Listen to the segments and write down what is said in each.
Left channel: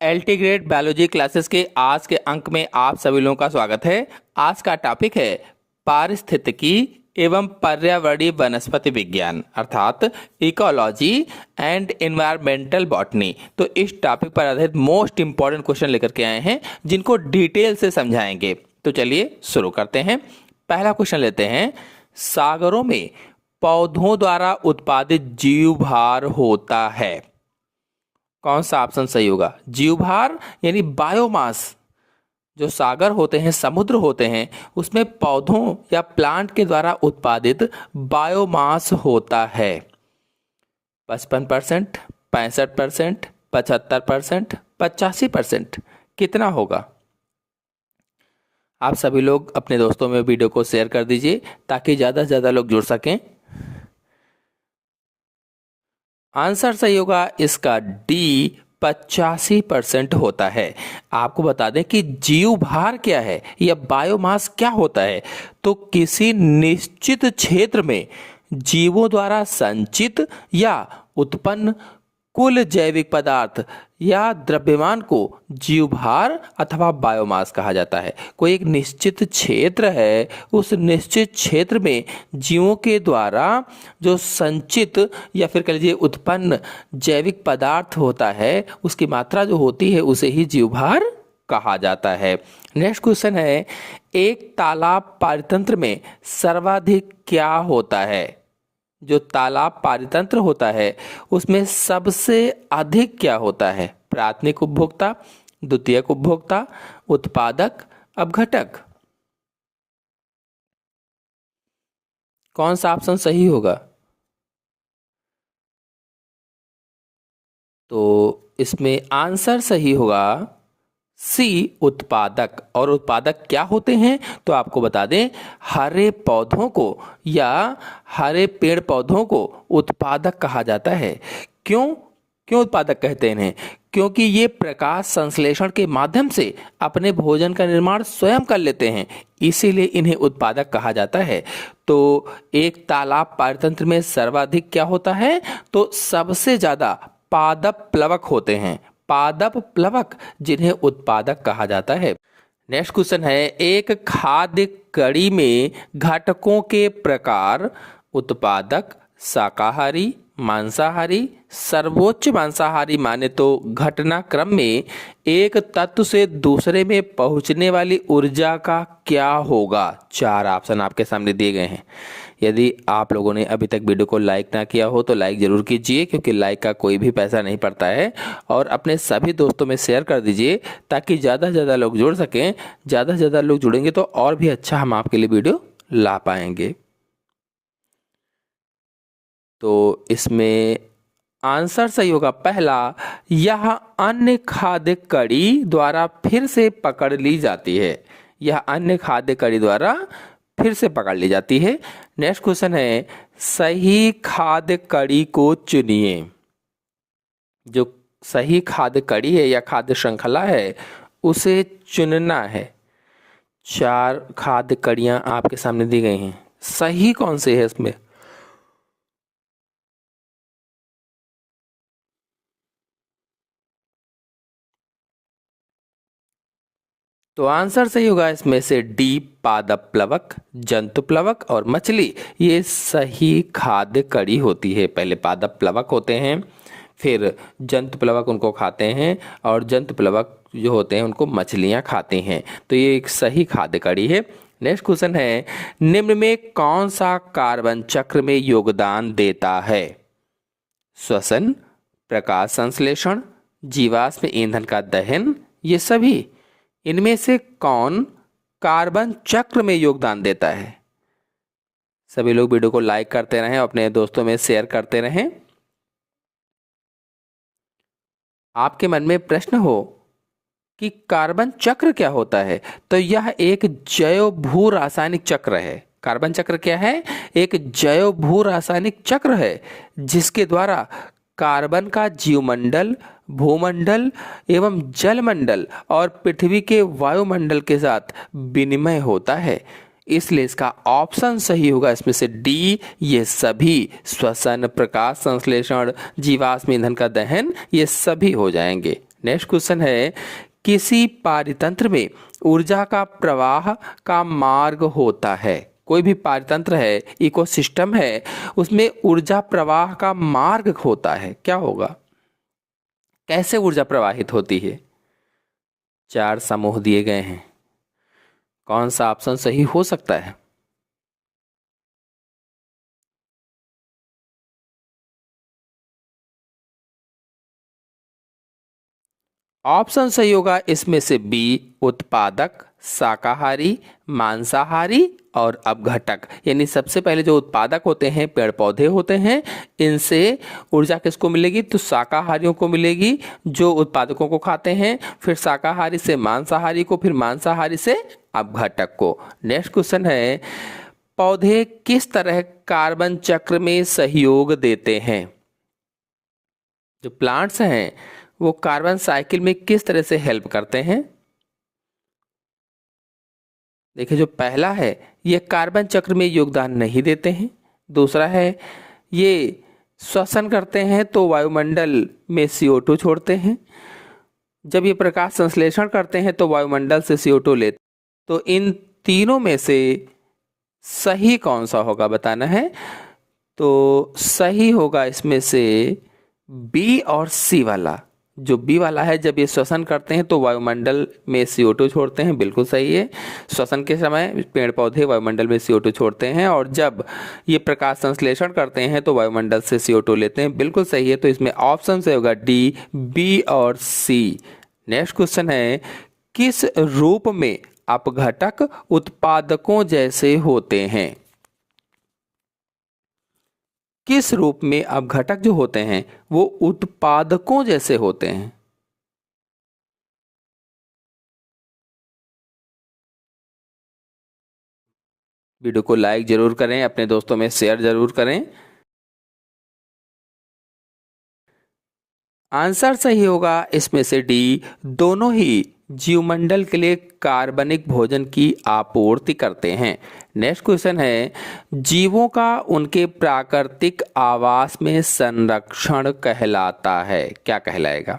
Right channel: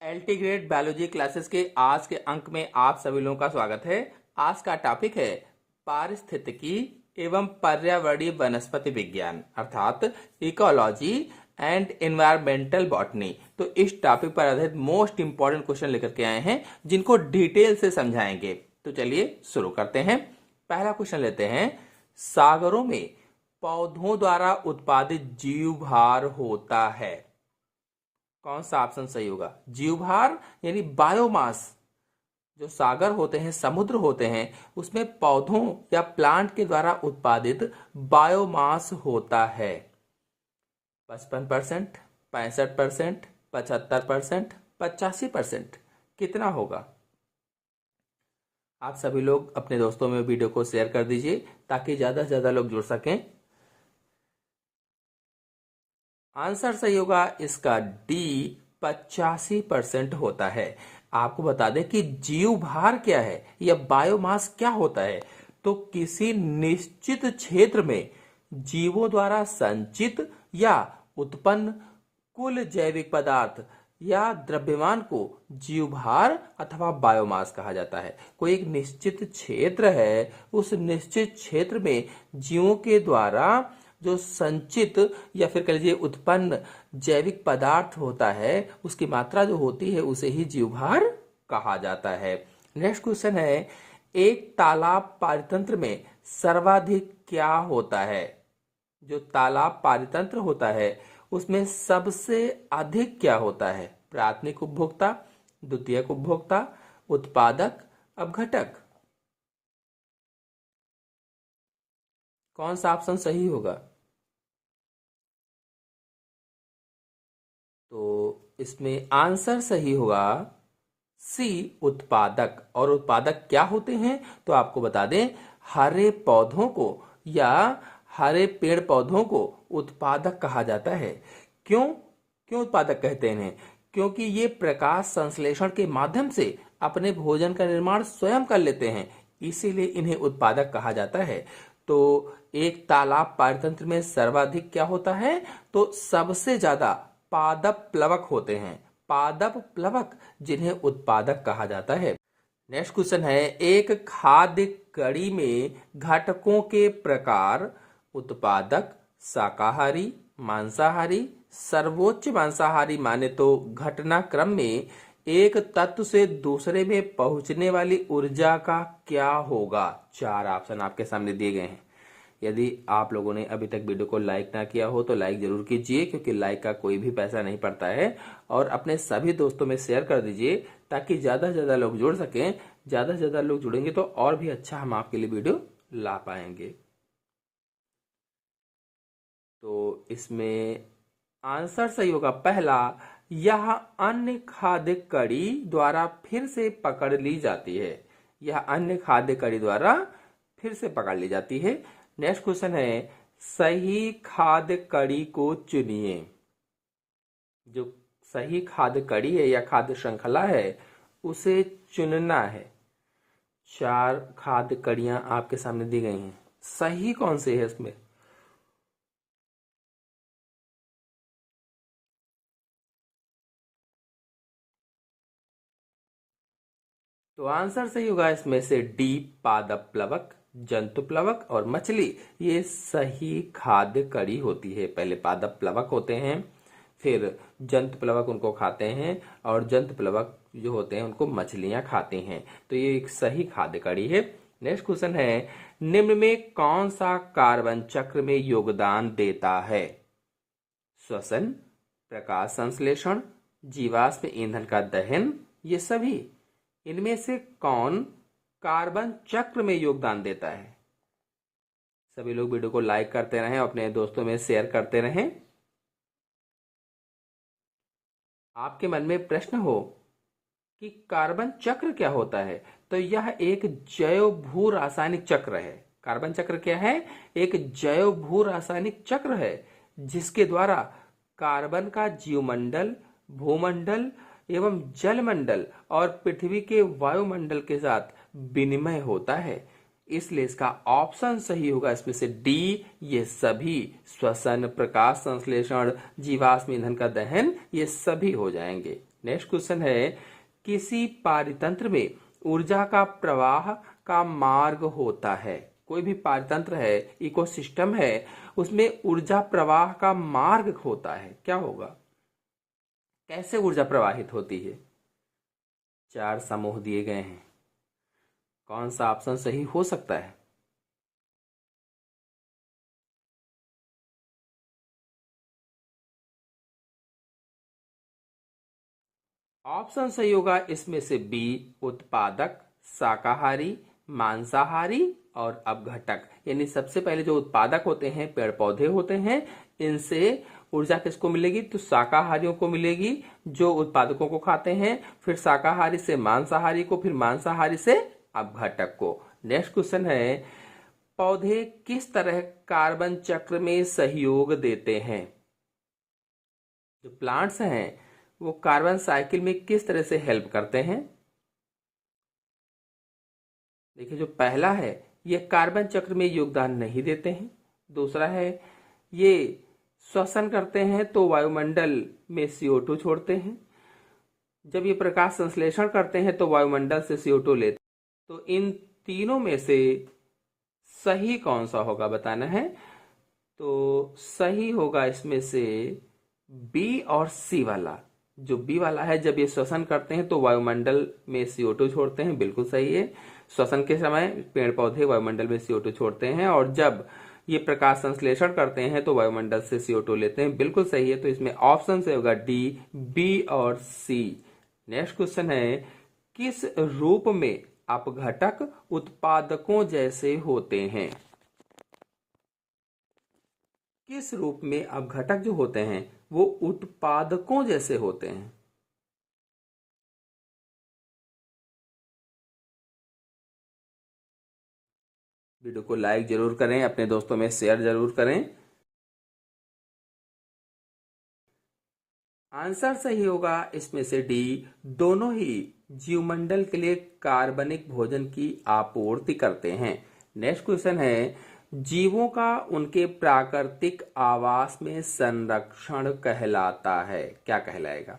LT grade biology classes के आज के अंक में आप सभी लोगों का स्वागत है। आज का टॉपिक है पारिस्थितिकी एवं पर्यावरणीय वनस्पति विज्ञान अर्थात इकोलॉजी एंड एनवायरमेंटल बॉटनी। तो इस टॉपिक पर आधारित मोस्ट इंपॉर्टेंट क्वेश्चन लेकर के आए हैं जिनको डिटेल से समझाएंगे। तो चलिए शुरू करते हैं। पहला क्वेश्चन लेते हैं। सागरों में पौधों द्वारा उत्पादित जीवभार होता है। कौन सा ऑप्शन सही होगा? जीवभार यानी बायोमास। जो सागर होते हैं, समुद्र होते हैं, उसमें पौधों या प्लांट के द्वारा उत्पादित बायोमास होता है। 55%, 65%, 75%, 85%, कितना होगा? आप सभी लोग अपने दोस्तों में वीडियो को शेयर कर दीजिए ताकि ज़्यादा से ज़्यादा लोग जुड़ सकें। आंसर सही होगा इसका डी, 85% होता है। आपको बता दें कि जीवभार क्या है या बायोमास क्या होता है। तो किसी निश्चित क्षेत्र में जीवों द्वारा संचित या उत्पन्न कुल जैविक पदार्थ या द्रव्यमान को जीवभार अथवा बायोमास कहा जाता है। कोई एक निश्चित क्षेत्र है, उस निश्चित क्षेत्र में जीवों के द्वारा जो संचित या फिर कह लीजिए उत्पन्न जैविक पदार्थ होता है, उसकी मात्रा जो होती है उसे ही जीवभार कहा जाता है। नेक्स्ट क्वेश्चन है, एक तालाब पारितंत्र में सर्वाधिक क्या होता है? जो तालाब पारितंत्र होता है उसमें सबसे अधिक क्या होता है? प्राथमिक उपभोक्ता, द्वितीयक उपभोक्ता, उत्पादक, अपघटक। कौन सा ऑप्शन सही होगा? तो इसमें आंसर सही होगा सी, उत्पादक। और उत्पादक क्या होते हैं? तो आपको बता दें, हरे पौधों को या हरे पेड़ पौधों को उत्पादक कहा जाता है। क्यों क्यों उत्पादक कहते हैं इन्हें? क्योंकि ये प्रकाश संश्लेषण के माध्यम से अपने भोजन का निर्माण स्वयं कर लेते हैं, इसीलिए इन्हें उत्पादक कहा जाता है। तो एक तालाब पारतंत्र में सर्वाधिक क्या होता है? तो सबसे ज्यादा पादप प्लवक होते हैं, पादप प्लवक, जिन्हें उत्पादक कहा जाता है। नेक्स्ट क्वेश्चन है, एक खाद्य कड़ी में घटकों के प्रकार उत्पादक, शाकाहारी, मांसाहारी, सर्वोच्च मांसाहारी माने तो घटनाक्रम में एक तत्व से दूसरे में पहुंचने वाली ऊर्जा का क्या होगा? 4 ऑप्शन आपके सामने दिए गए हैं। यदि आप लोगों ने अभी तक वीडियो को लाइक ना किया हो तो लाइक जरूर कीजिए, क्योंकि लाइक का कोई भी पैसा नहीं पड़ता है। और अपने सभी दोस्तों में शेयर कर दीजिए ताकि ज़्यादा से ज़्यादा लोग जुड़ सकें। ज़्यादा से ज़्यादा लोग जुड़ेंगे तो और भी अच्छा हम आपके लिए वीडियो ला पाएंगे। तो इसमें आंसर सही होगा पहला, यह अन्य खाद्य कड़ी द्वारा फिर से पकड़ ली जाती है। यह अन्य खाद्य कड़ी द्वारा फिर से पकड़ ली जाती है। नेक्स्ट क्वेश्चन है, सही खाद्य कड़ी को चुनिए। जो सही खाद्य कड़ी है या खाद्य श्रृंखला है उसे चुनना है। 4 खाद्य कड़ियां आपके सामने दी गई हैं, सही कौन से है इसमें? तो आंसर सही होगा इसमें से डी, पादप प्लवक, जंतु प्लवक और मछली, ये सही खाद्य कड़ी होती है। पहले पादप प्लवक होते हैं, फिर जंतु प्लवक उनको खाते हैं, और जंतु प्लवक जो होते हैं उनको मछलियां खाती हैं। तो ये एक सही खाद्य कड़ी है। नेक्स्ट क्वेश्चन है, निम्न में कौन सा कार्बन चक्र में योगदान देता है? श्वसन, प्रकाश संश्लेषण, जीवाश्म ईंधन का दहन, ये सभी। इनमें से कौन कार्बन चक्र में योगदान देता है? सभी लोग वीडियो को लाइक करते रहें, अपने दोस्तों में शेयर करते रहें। आपके मन में प्रश्न हो कि कार्बन चक्र क्या होता है, तो यह एक जैव भू रासायनिक चक्र है। कार्बन चक्र क्या है? एक जैव भू रासायनिक चक्र है जिसके द्वारा कार्बन का जीवमंडल, भूमंडल एवं जलमंडल और पृथ्वी के वायुमंडल के साथ विनिमय होता है। इसलिए इसका ऑप्शन सही होगा इसमें से डी, ये सभी। श्वसन, प्रकाश संश्लेषण, जीवाश्म ईंधन का दहन, ये सभी हो जाएंगे। नेक्स्ट क्वेश्चन है, किसी पारितंत्र में ऊर्जा का प्रवाह का मार्ग होता है। कोई भी पारितंत्र है, इकोसिस्टम है, उसमें ऊर्जा प्रवाह का मार्ग होता है, क्या होगा? कैसे ऊर्जा प्रवाहित होती है? 4 समूह दिए गए हैं, कौन सा ऑप्शन सही हो सकता है? ऑप्शन सही होगा इसमें से बी, उत्पादक, शाकाहारी, मांसाहारी और अपघटक। यानी सबसे पहले जो उत्पादक होते हैं, पेड़ पौधे होते हैं, इनसे ऊर्जा किसको मिलेगी? तो शाकाहारियों को मिलेगी, जो उत्पादकों को खाते हैं, फिर शाकाहारी से मांसाहारी को, फिर मांसाहारी से अपघटक को। नेक्स्ट क्वेश्चन है, पौधे किस तरह कार्बन चक्र में सहयोग देते हैं? जो प्लांट्स हैं वो कार्बन साइकिल में किस तरह से हेल्प करते हैं? देखिए, जो पहला है ये कार्बन चक्र में योगदान नहीं देते हैं। दूसरा है ये श्वसन करते हैं तो वायुमंडल में CO2 छोड़ते हैं। जब ये प्रकाश संश्लेषण करते हैं तो वायुमंडल से CO2 लेते हैं। तो इन तीनों में से सही कौन सा होगा बताना है। तो सही होगा इसमें से बी और सी वाला। जो बी वाला है, जब ये श्वसन करते हैं तो वायुमंडल में CO2 छोड़ते हैं, बिल्कुल सही है। श्वसन के समय पेड़ पौधे वायुमंडल में CO2 छोड़ते हैं, और जब ये प्रकाश संश्लेषण करते हैं तो वायुमंडल से CO2 लेते हैं, बिल्कुल सही है। तो इसमें ऑप्शन से होगा डी, बी और सी। नेक्स्ट क्वेश्चन है, किस रूप में अपघटक उत्पादकों जैसे होते हैं? किस रूप में अपघटक जो होते हैं वो उत्पादकों जैसे होते हैं? वीडियो को लाइक जरूर करें, अपने दोस्तों में शेयर जरूर करें। आंसर सही होगा इसमें से डी, दोनों ही जीवमंडल के लिए कार्बनिक भोजन की आपूर्ति करते हैं। नेक्स्ट क्वेश्चन है, जीवों का उनके प्राकृतिक आवास में संरक्षण कहलाता है, क्या कहलाएगा?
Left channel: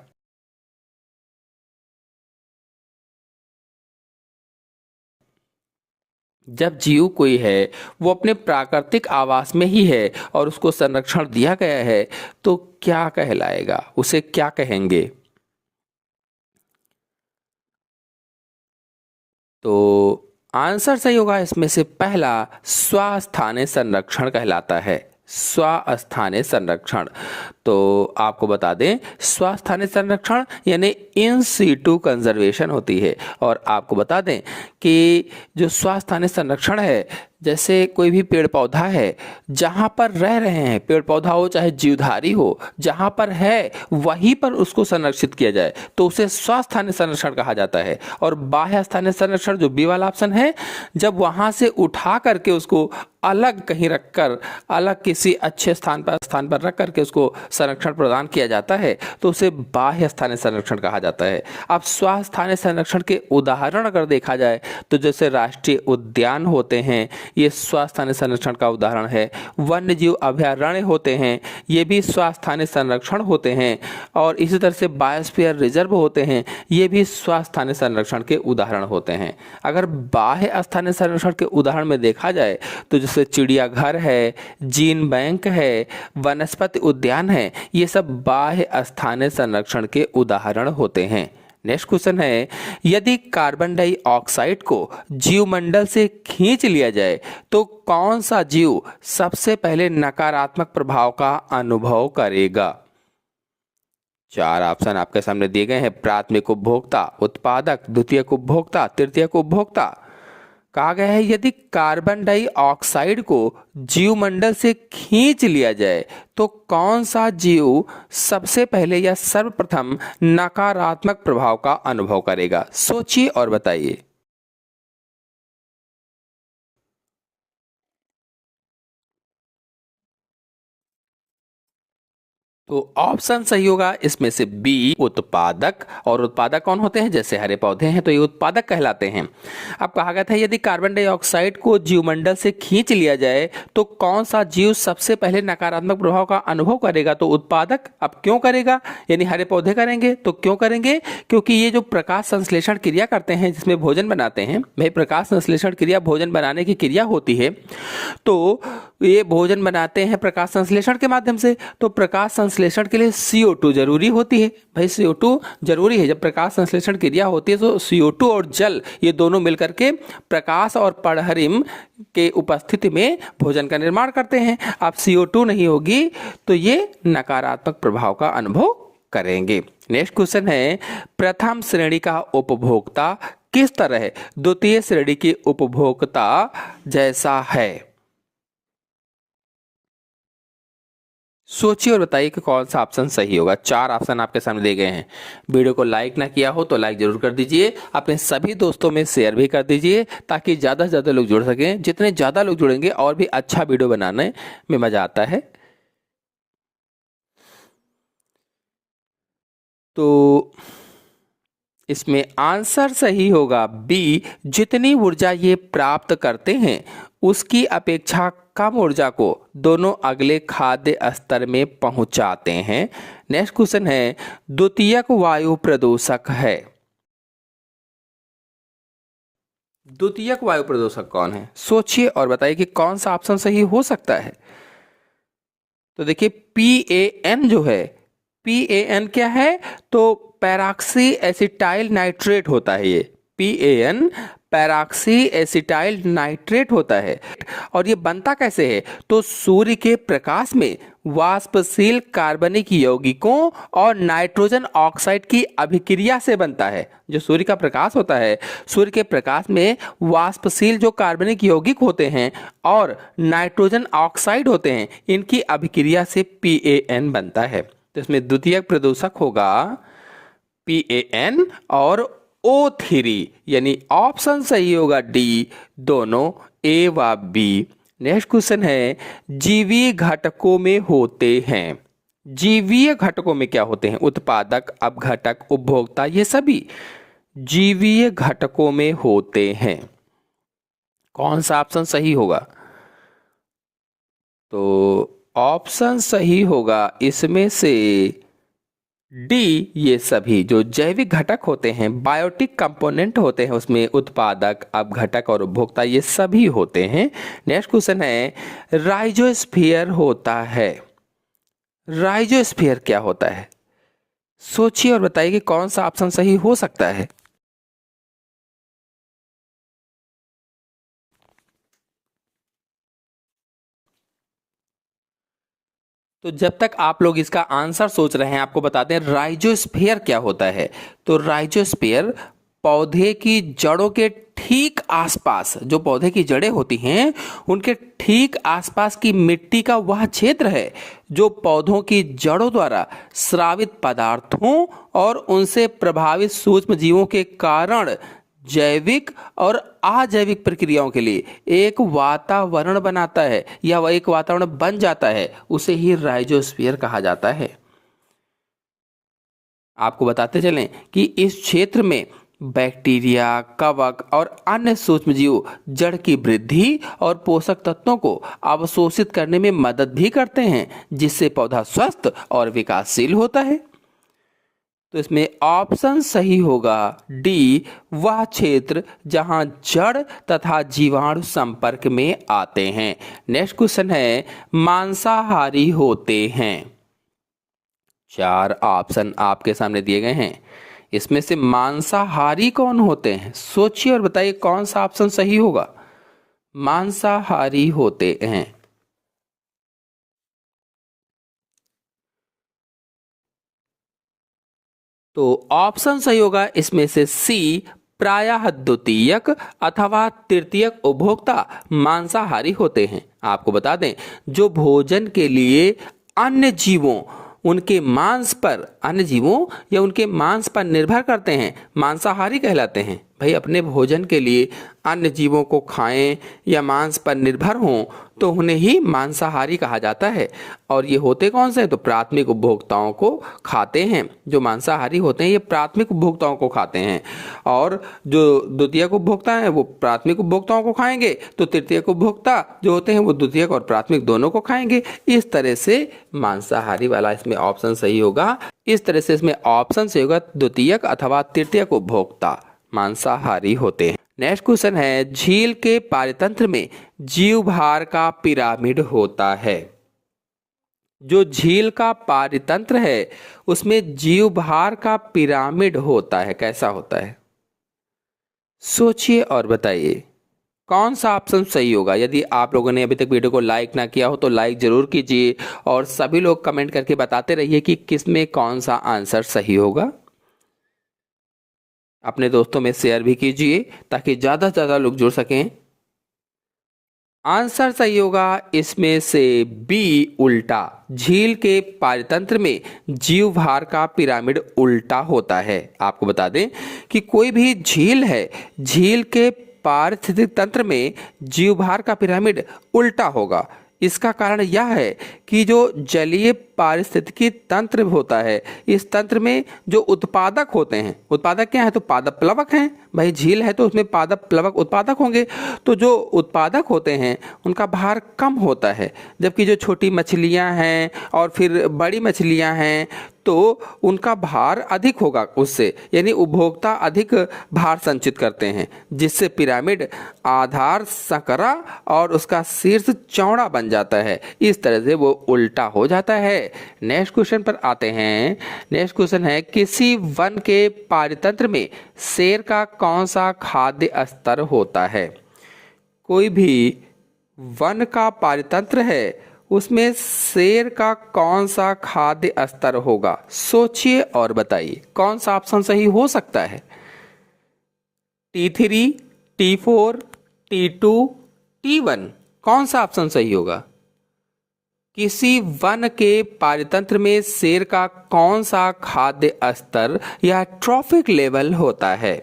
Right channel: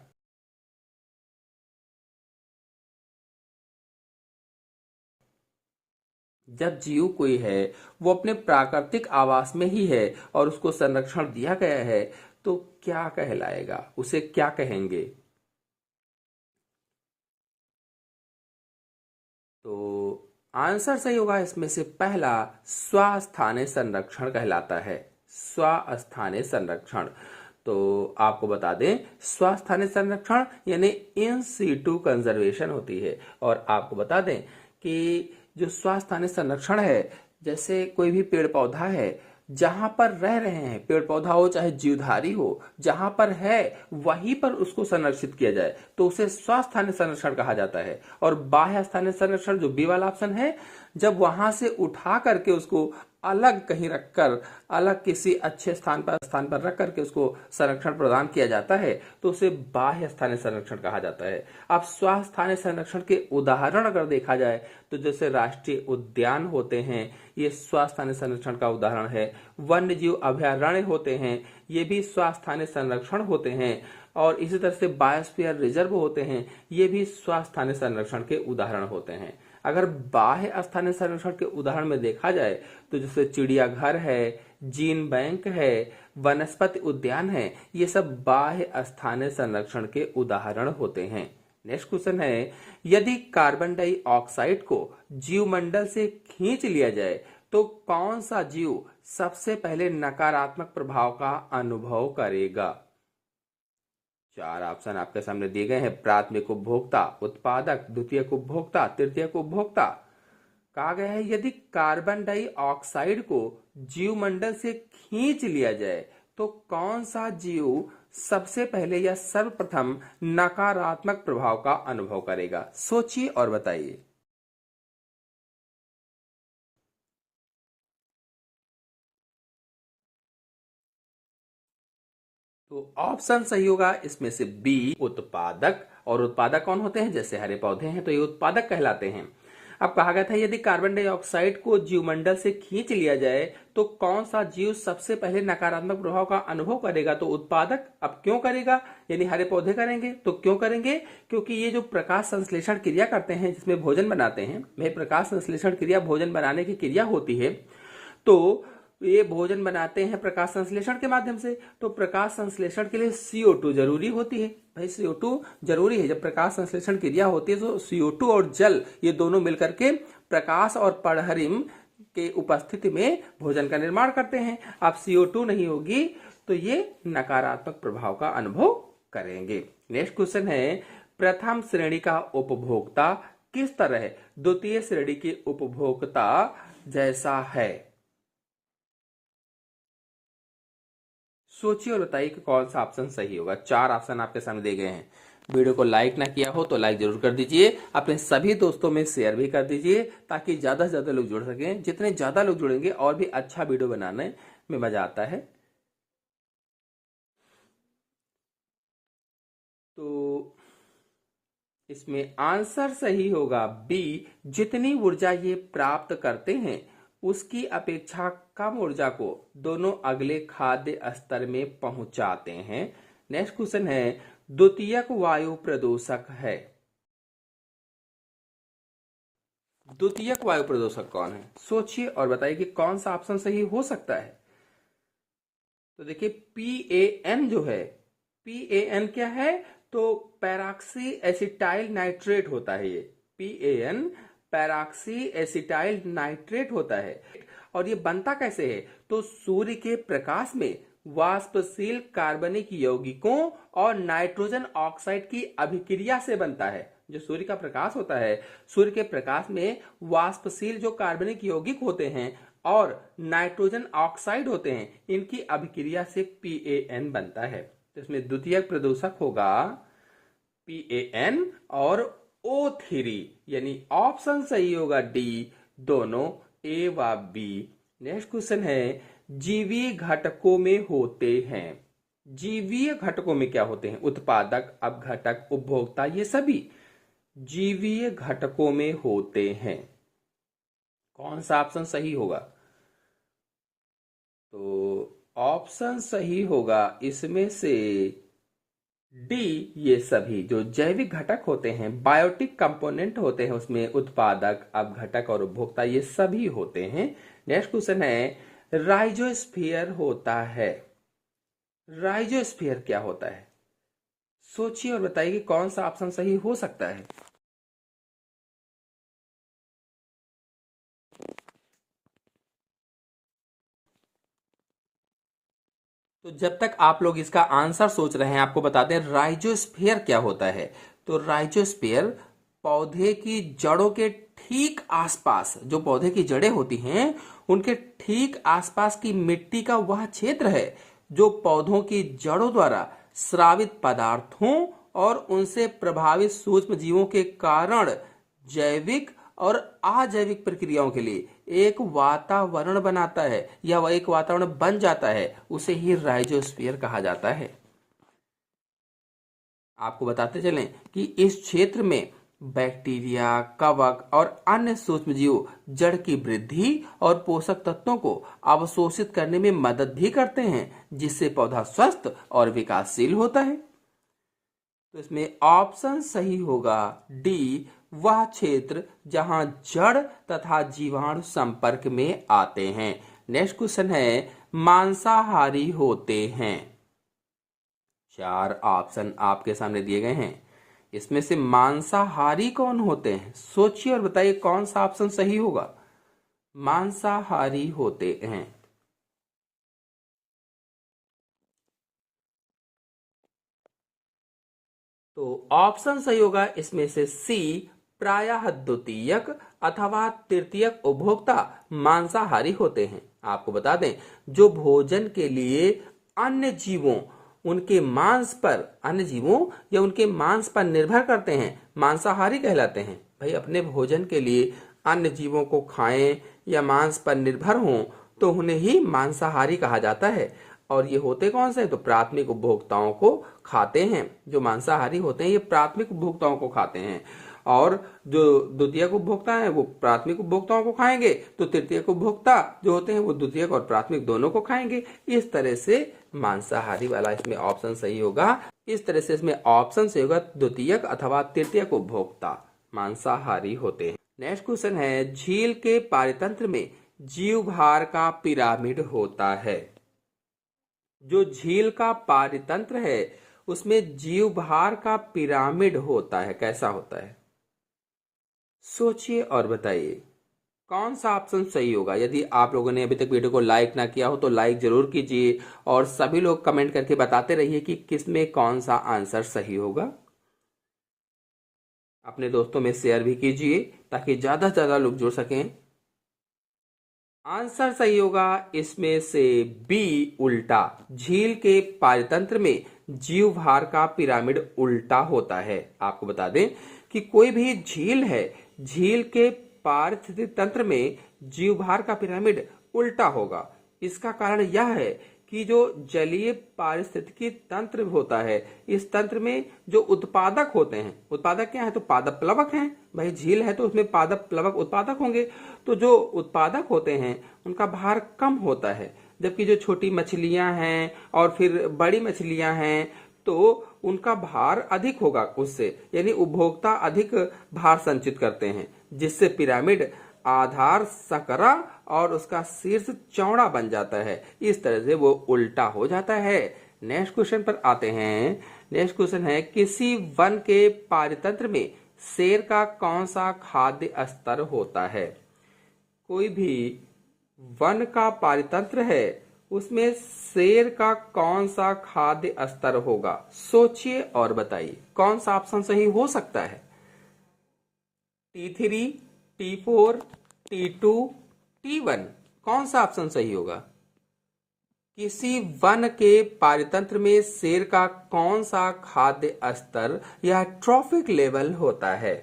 जब जीव कोई है वो अपने प्राकृतिक आवास में ही है और उसको संरक्षण दिया गया है, तो क्या कहलाएगा, उसे क्या कहेंगे? तो आंसर सही होगा इसमें से पहला, स्वस्थानीय संरक्षण कहलाता है। स्वस्थानीय संरक्षण। तो आपको बता दें, स्वस्थानीय संरक्षण यानी इन सीटू कंजर्वेशन होती है। और आपको बता दें कि जो स्वस्थानीय संरक्षण है, जैसे कोई भी पेड़ पौधा है, जहाँ पर रह रहे हैं, पेड़ पौधा हो चाहे जीवधारी हो, जहाँ पर है वहीं पर उसको संरक्षित किया जाए तो उसे स्वस्थानीय संरक्षण कहा जाता है। और बाह्य स्थानीय संरक्षण जो बी वाला ऑप्शन है, जब वहाँ से उठा करके उसको अलग कहीं रखकर, अलग किसी अच्छे स्थान पर रख करके उसको संरक्षण प्रदान किया जाता है, तो उसे बाह्य स्थानीय संरक्षण कहा जाता है। अब स्वस्थानीय संरक्षण के उदाहरण अगर देखा जाए तो जैसे राष्ट्रीय उद्यान होते हैं, ये स्वस्थानीय संरक्षण का उदाहरण है। वन्य जीव अभयारण्य होते हैं, ये भी स्वस्थानीय संरक्षण होते हैं। और इसी तरह से बायोस्फीयर रिजर्व होते हैं, ये भी स्वस्थानीय संरक्षण के उदाहरण होते हैं। अगर बाह्य स्थानीय संरक्षण के उदाहरण में देखा जाए तो जैसे चिड़ियाघर है, जीन बैंक है, वनस्पति उद्यान है, ये सब बाह्य स्थानीय संरक्षण के उदाहरण होते हैं। नेक्स्ट क्वेश्चन है, यदि कार्बन डाइऑक्साइड को जीवमंडल से खींच लिया जाए तो कौन सा जीव सबसे पहले नकारात्मक प्रभाव का अनुभव करेगा? 4 ऑप्शन आपके सामने दिए गए हैं, प्राथमिक उपभोक्ता, उत्पादक, द्वितीयक उपभोक्ता, तृतीयक उपभोक्ता। कहा गया है यदि कार्बन डाइऑक्साइड को जीवमंडल से खींच लिया जाए तो कौन सा जीव सबसे पहले या सर्वप्रथम नकारात्मक प्रभाव का अनुभव करेगा? सोचिए और बताइए। तो ऑप्शन सही होगा इसमें से बी उत्पादक। और उत्पादक कौन होते हैं? जैसे हरे पौधे हैं तो ये उत्पादक कहलाते हैं। अब कहा गया था यदि कार्बन डाइऑक्साइड को जीवमंडल से खींच लिया जाए तो कौन सा जीव सबसे पहले नकारात्मक प्रभाव का अनुभव करेगा? तो उत्पादक। अब क्यों करेगा? यानी हरे पौधे करेंगे। तो क्यों करेंगे? क्योंकि ये जो प्रकाश संश्लेषण क्रिया करते हैं जिसमें भोजन बनाते हैं, भाई प्रकाश संश्लेषण क्रिया भोजन बनाने की क्रिया होती है, तो ये भोजन बनाते हैं प्रकाश संश्लेषण के माध्यम से। तो प्रकाश संश्लेषण के लिए CO2 जरूरी होती है। भाई CO2 जरूरी है। जब प्रकाश संश्लेषण क्रिया होती है तो CO2 और जल ये दोनों मिलकर के प्रकाश और पराहरिम के उपस्थिति में भोजन का निर्माण करते हैं। अब CO2 नहीं होगी तो ये नकारात्मक प्रभाव का अनुभव करेंगे। नेक्स्ट क्वेश्चन है, प्रथम श्रेणी का उपभोक्ता किस तरह है द्वितीय श्रेणी के उपभोक्ता जैसा है? सोचिए और बताइए कि कौन सा ऑप्शन सही होगा। 4 ऑप्शन आपके सामने दिए गए हैं। वीडियो को लाइक ना किया हो तो लाइक जरूर कर दीजिए, अपने सभी दोस्तों में शेयर भी कर दीजिए ताकि ज़्यादा से ज़्यादा लोग जुड़ सकें। जितने ज़्यादा लोग जुड़ेंगे और भी अच्छा वीडियो बनाने में मज़ा आता है। तो इसमें आंसर सही होगा बी, जितनी ऊर्जा ये प्राप्त करते हैं उसकी अपेक्षा कम ऊर्जा को दोनों अगले खाद्य स्तर में पहुंचाते हैं। नेक्स्ट क्वेश्चन है, द्वितीयक वायु प्रदूषक है। द्वितीयक वायु प्रदूषक कौन है? सोचिए और बताइए कि कौन सा ऑप्शन सही हो सकता है। तो देखिए PAN जो है, PAN क्या है? तो पैराक्सी एसिटाइल नाइट्रेट होता है। ये PAN पैराक्सी एसिटाइल नाइट्रेट होता है। और ये बनता कैसे है? तो सूर्य के प्रकाश में वाष्पशील कार्बनिक यौगिकों और नाइट्रोजन ऑक्साइड की अभिक्रिया से बनता है। जो सूर्य का प्रकाश होता है, सूर्य के प्रकाश में वाष्पशील जो कार्बनिक यौगिक होते हैं और नाइट्रोजन ऑक्साइड होते हैं, इनकी अभिक्रिया से PAN बनता है। तो इसमें द्वितीयक प्रदूषक होगा PAN और O3, यानी ऑप्शन सही होगा डी, दोनों A व B। नेक्स्ट क्वेश्चन है, जीवीय घटकों में होते हैं। जीवीय घटकों में क्या होते हैं? उत्पादक, अपघटक, उपभोक्ता, ये सभी जीवीय घटकों में होते हैं। कौन सा ऑप्शन सही होगा? तो ऑप्शन सही होगा इसमें से डी, ये सभी जो जैविक घटक होते हैं, बायोटिक कंपोनेंट होते हैं, उसमें उत्पादक, अपघटक और उपभोक्ता ये सभी होते हैं। नेक्स्ट क्वेश्चन है, राइजोस्फीयर होता है। राइजोस्फीयर क्या होता है? सोचिए और बताइए कि कौन सा ऑप्शन सही हो सकता है। तो जब तक आप लोग इसका आंसर सोच रहे हैं, आपको बताते हैं राइजोस्फीयर क्या होता है। तो राइजोस्फीयर पौधे की जड़ों के ठीक आसपास, जो पौधे की जड़ें होती हैं उनके ठीक आसपास की मिट्टी का वह क्षेत्र है जो पौधों की जड़ों द्वारा स्रावित पदार्थों और उनसे प्रभावित सूक्ष्म जीवों के कारण जैविक और अजैविक प्रक्रियाओं के लिए एक वातावरण बनाता है या वह एक वातावरण बन जाता है, उसे ही राइजोस्फीयर कहा जाता है। आपको बताते चलें कि इस क्षेत्र में बैक्टीरिया, कवक और अन्य सूक्ष्मजीव जड़ की वृद्धि और पोषक तत्वों को अवशोषित करने में मदद भी करते हैं, जिससे पौधा स्वस्थ और विकासशील होता है। तो इसमें ऑप्शन सही होगा डी, वह क्षेत्र जहां जड़ तथा जीवाणु संपर्क में आते हैं। नेक्स्ट क्वेश्चन है, मांसाहारी होते हैं। 4 ऑप्शन आपके सामने दिए गए हैं। इसमें से मांसाहारी कौन होते हैं? सोचिए और बताइए कौन सा ऑप्शन सही होगा। मांसाहारी होते हैं। तो ऑप्शन सही होगा इसमें से सी, प्रायः द्वितीयक अथवा तृतीयक उपभोक्ता मांसाहारी होते हैं। आपको बता दें, जो भोजन के लिए अन्य जीवों उनके मांस पर, अन्य जीवों या उनके मांस पर निर्भर करते हैं, मांसाहारी कहलाते हैं। भाई अपने भोजन के लिए अन्य जीवों को खाएं या मांस पर निर्भर हों तो उन्हें ही मांसाहारी कहा जाता है। और ये होते कौन से हैं? तो प्राथमिक उपभोक्ताओं को खाते हैं। जो मांसाहारी होते हैं ये प्राथमिक उपभोक्ताओं को खाते हैं, और जो द्वितीयक उपभोक्ता हैं वो प्राथमिक उपभोक्ताओं को खाएंगे, तो तृतीयक उपभोक्ता जो होते हैं वो द्वितीयक और प्राथमिक दोनों को खाएंगे। इस तरह से मांसाहारी वाला इसमें ऑप्शन सही होगा। इस तरह से इसमें ऑप्शन सही होगा, द्वितीयक अथवा तृतीयक उपभोक्ता मांसाहारी होते हैं। नेक्स्ट क्वेश्चन है, झील के पारितंत्र में जीवभार का पिरामिड होता है। जो झील का पारितंत्र है उसमें जीवभार का पिरामिड होता है। कैसा होता है? सोचिए और बताइए कौन सा ऑप्शन सही होगा। यदि आप लोगों ने अभी तक वीडियो को लाइक ना किया हो तो लाइक जरूर कीजिए, और सभी लोग कमेंट करके बताते रहिए कि किसमें कौन सा आंसर सही होगा। अपने दोस्तों में शेयर भी कीजिए ताकि ज़्यादा से ज़्यादा लोग जुड़ सकें। आंसर सही होगा इसमें से बी, उल्टा। झील के पारितंत्र में जीवभार का पिरामिड उल्टा होता है। आपको बता दें कि कोई भी झील है, झील के पारिस्थितिक तंत्र में जीवभार का पिरामिड उल्टा होगा। इसका कारण यह है कि जो जलीय पारिस्थितिकी तंत्र होता है, इस तंत्र में जो उत्पादक होते हैं, उत्पादक क्या है? तो पादप प्लवक हैं। भाई झील है तो उसमें पादप प्लवक उत्पादक होंगे, तो जो उत्पादक होते हैं उनका भार कम होता है, जबकि जो छोटी मछलियां हैं और फिर बड़ी मछलियां हैं तो उनका भार अधिक होगा उससे, यानी उपभोक्ता अधिक भार संचित करते हैं, जिससे पिरामिड आधार संकरा और उसका शीर्ष चौड़ा बन जाता है। इस तरह से वो उल्टा हो जाता है। नेक्स्ट क्वेश्चन पर आते हैं। नेक्स्ट क्वेश्चन है, किसी वन के पारितंत्र में शेर का कौन सा खाद्य स्तर होता है? कोई भी वन का पारितंत्र है उसमें शेर का कौन सा खाद्य स्तर होगा? सोचिए और बताइए कौन सा ऑप्शन सही हो सकता है। T3, T4, T2, T1, कौन सा ऑप्शन सही होगा? किसी वन के पारितंत्र में शेर का कौन सा खाद्य स्तर या ट्रॉफिक लेवल होता है?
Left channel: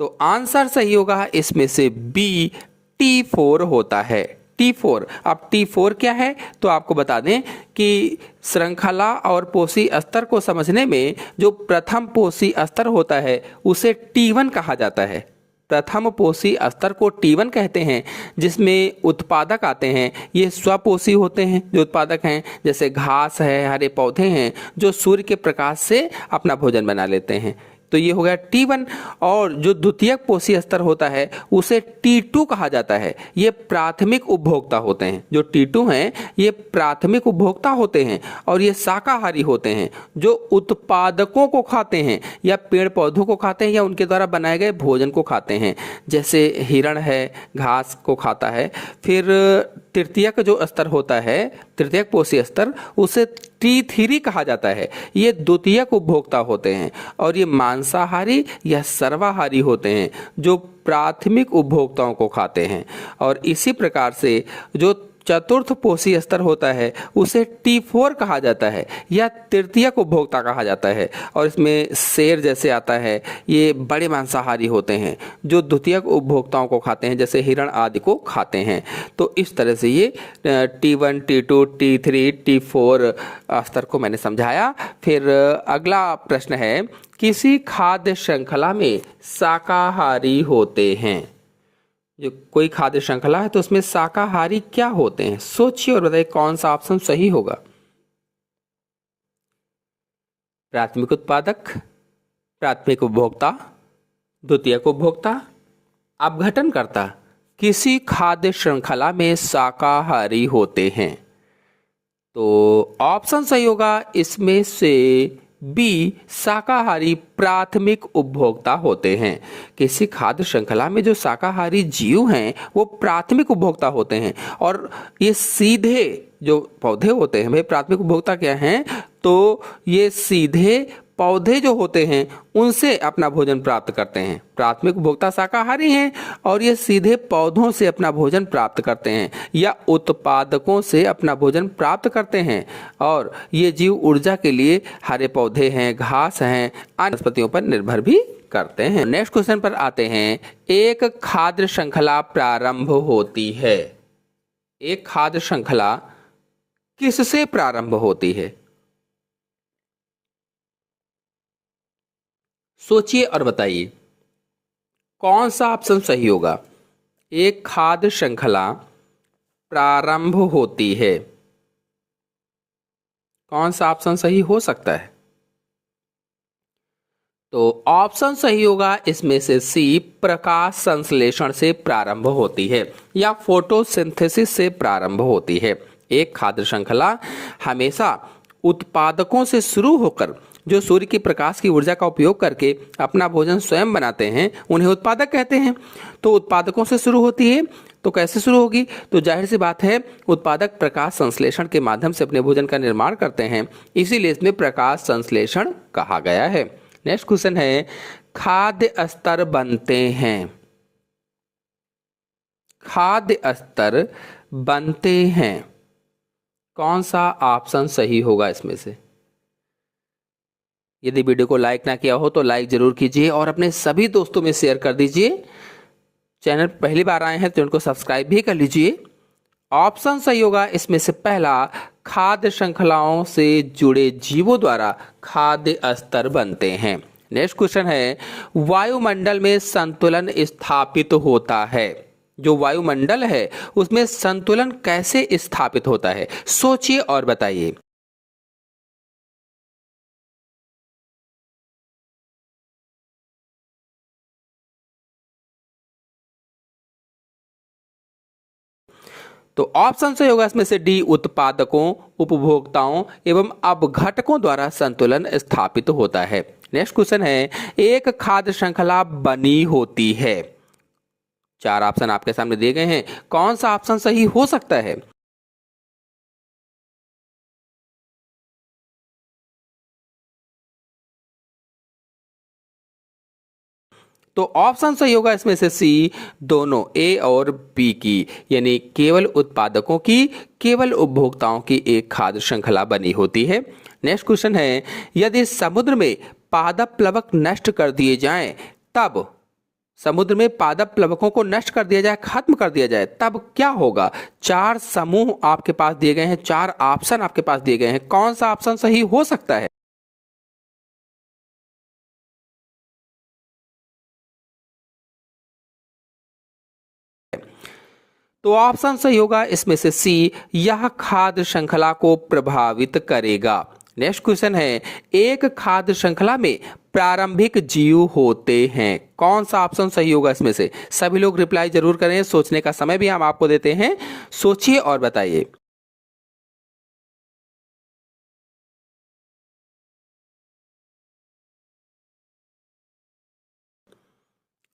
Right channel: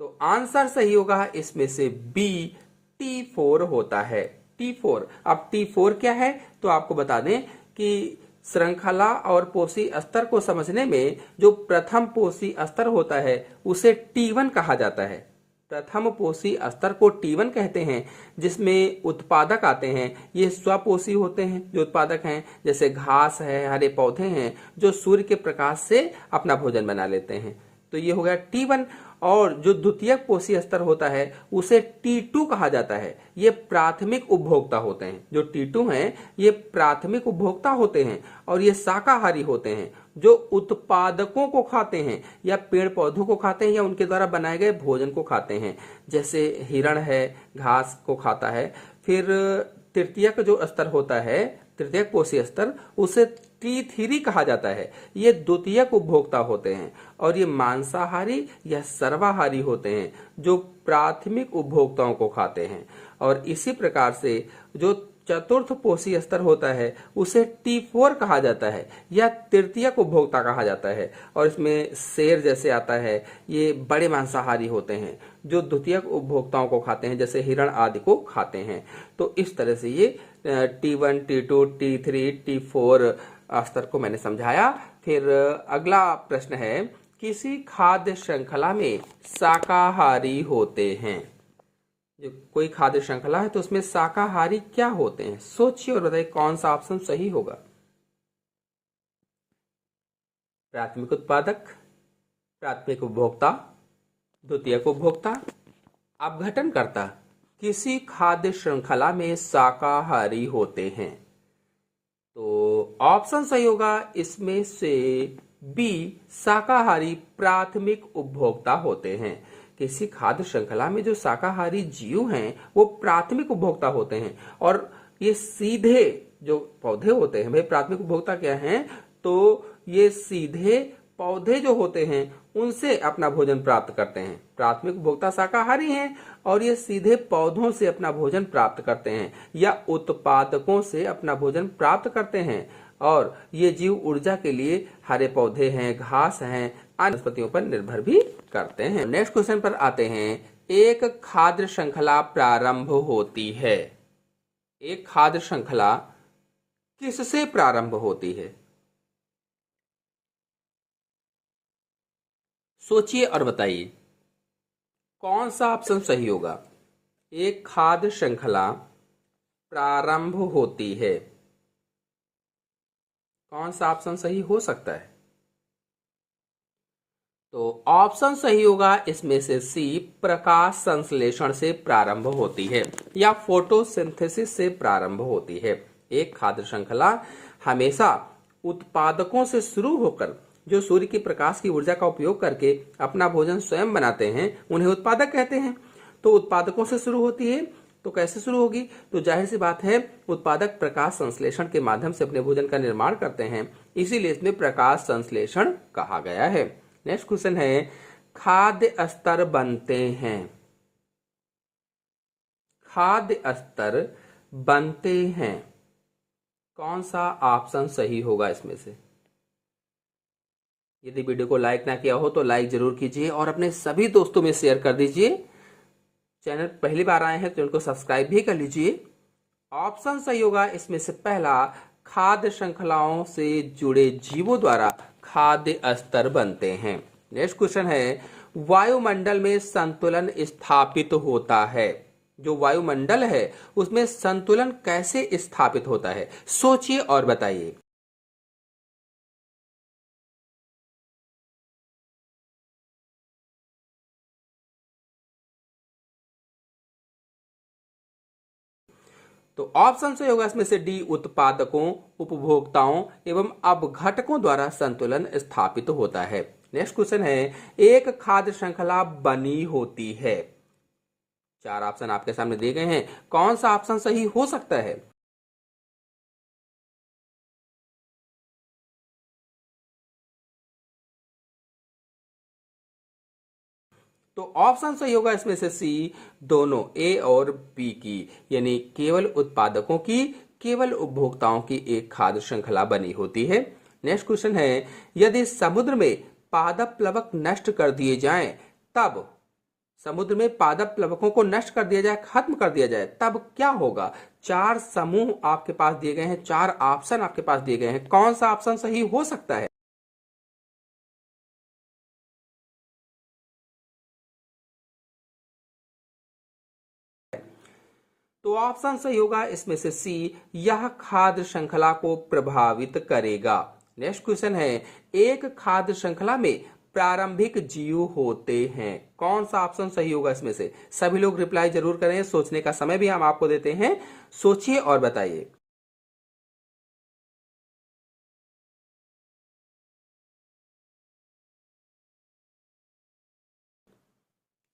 तो आंसर सही होगा इसमें से बी, T4 होता है। T4। अब T4 क्या है? तो आपको बता दें कि श्रृंखला और पोषी स्तर को समझने में जो प्रथम पोषी स्तर होता है उसे T1 कहा जाता है। प्रथम पोषी स्तर को T1 कहते हैं, जिसमें उत्पादक आते हैं। ये स्वपोषी होते हैं जो उत्पादक हैं, जैसे घास है, हरे पौधे हैं जो सूर्य के प्रकाश से अपना भोजन बना लेते हैं। तो ये हो गया T1। और जो द्वितीयक पोषी स्तर होता है उसे T2 कहा जाता है। ये प्राथमिक उपभोक्ता होते हैं। जो T2 हैं ये प्राथमिक उपभोक्ता होते हैं और ये शाकाहारी होते हैं, जो उत्पादकों को खाते हैं या पेड़ पौधों को खाते हैं या उनके द्वारा बनाए गए भोजन को खाते हैं, जैसे हिरण है घास को खाता है। फिर तृतीयक जो स्तर होता है, तृतीयक पोषी स्तर, उसे T3 कहा जाता है। ये द्वितीयक उपभोक्ता होते हैं और ये मांसाहारी या सर्वाहारी होते हैं जो प्राथमिक उपभोक्ताओं को खाते हैं। और इसी प्रकार से जो चतुर्थ पोषी स्तर होता है उसे T4 कहा जाता है या तृतीयक उपभोक्ता कहा जाता है। और इसमें शेर जैसे आता है, ये बड़े मांसाहारी होते हैं जो द्वितीयक उपभोक्ताओं को खाते हैं, जैसे हिरण आदि को खाते हैं। तो इस तरह से ये T1, T2, T3, T4 स्तर को मैंने समझाया। फिर अगला प्रश्न है, किसी खाद्य श्रृंखला में शाकाहारी होते हैं। जो कोई खाद्य श्रृंखला है तो उसमें शाकाहारी क्या होते हैं? सोचिए और बताइए कौन सा ऑप्शन सही होगा। प्राथमिक उत्पादक, प्राथमिक उपभोक्ता, द्वितीयक उपभोक्ता, अपघटनकर्ता। किसी खाद्य श्रृंखला में शाकाहारी होते हैं तो ऑप्शन सही होगा इसमें से बी, शाकाहारी प्राथमिक उपभोक्ता होते हैं। किसी खाद्य श्रृंखला में जो शाकाहारी जीव हैं वो प्राथमिक उपभोक्ता होते हैं और ये सीधे जो पौधे होते हैं, भाई प्राथमिक उपभोक्ता क्या हैं? तो ये सीधे पौधे जो होते हैं उनसे अपना भोजन प्राप्त करते हैं। प्राथमिक उपभोक्ता शाकाहारी हैं और ये सीधे पौधों से अपना भोजन प्राप्त करते हैं या उत्पादकों से अपना भोजन प्राप्त करते हैं। और ये जीव ऊर्जा के लिए हरे पौधे हैं, घास हैं, अन्य वनस्पतियों पर निर्भर भी करते हैं। नेक्स्ट क्वेश्चन पर आते हैं। एक खाद्य श्रृंखला प्रारंभ होती है। एक खाद्य श्रृंखला किससे प्रारंभ होती है? सोचिए और बताइए कौन सा ऑप्शन सही होगा। एक खाद्य श्रृंखला प्रारंभ होती है, कौन सा ऑप्शन सही हो सकता है? तो ऑप्शन सही होगा इसमें से सी, प्रकाश संश्लेषण से प्रारंभ होती है या फोटोसिंथेसिस से प्रारंभ होती है। एक खाद्य श्रृंखला हमेशा उत्पादकों से शुरू होकर जो सूर्य के प्रकाश की ऊर्जा का उपयोग करके अपना भोजन स्वयं बनाते हैं उन्हें उत्पादक कहते हैं। तो उत्पादकों से शुरू होती है, तो कैसे शुरू होगी? तो जाहिर सी बात है उत्पादक प्रकाश संश्लेषण के माध्यम से अपने भोजन का निर्माण करते हैं, इसीलिए इसमें प्रकाश संश्लेषण कहा गया है। नेक्स्ट क्वेश्चन है, खाद्य स्तर बनते हैं। खाद्य स्तर बनते हैं, कौन सा ऑप्शन सही होगा इसमें से? यदि वीडियो को लाइक ना किया हो तो लाइक जरूर कीजिए और अपने सभी दोस्तों में शेयर कर दीजिए। चैनल पहली बार आए हैं तो इनको सब्सक्राइब भी कर लीजिए। ऑप्शन सही होगा इसमें से पहला, खाद्य श्रृंखलाओं से जुड़े जीवों द्वारा खाद्य स्तर बनते हैं। नेक्स्ट क्वेश्चन है, वायुमंडल में संतुलन स्थापित होता है। जो वायुमंडल है उसमें संतुलन कैसे स्थापित होता है? सोचिए और बताइए। तो ऑप्शन सही होगा इसमें से डी, उत्पादकों, उपभोक्ताओं एवं अपघटकों द्वारा संतुलन स्थापित होता है। नेक्स्ट क्वेश्चन है, एक खाद्य श्रृंखला बनी होती है। चार ऑप्शन आपके सामने दिए गए हैं, कौन सा ऑप्शन सही हो सकता है? तो ऑप्शन सही होगा इसमें से सी, दोनों, ए और बी की, यानी केवल उत्पादकों की, केवल उपभोक्ताओं की एक खाद्य श्रृंखला बनी होती है। नेक्स्ट क्वेश्चन है, यदि समुद्र में पादप प्लवक नष्ट कर दिए जाएं, तब समुद्र में पादप प्लवकों को नष्ट कर दिया जाए, खत्म कर दिया जाए, तब क्या होगा? चार समूह आपके पास दिए गए हैं, चार ऑप्शन आपके पास दिए गए हैं, कौन सा ऑप्शन सही हो सकता है? तो ऑप्शन सही होगा इसमें से सी, यह खाद्य श्रृंखला को प्रभावित करेगा। नेक्स्ट क्वेश्चन है, एक खाद्य श्रृंखला में प्रारंभिक जीव होते हैं, कौन सा ऑप्शन सही होगा इसमें से? सभी लोग रिप्लाई जरूर करें, सोचने का समय भी हम आपको देते हैं, सोचिए और बताइए।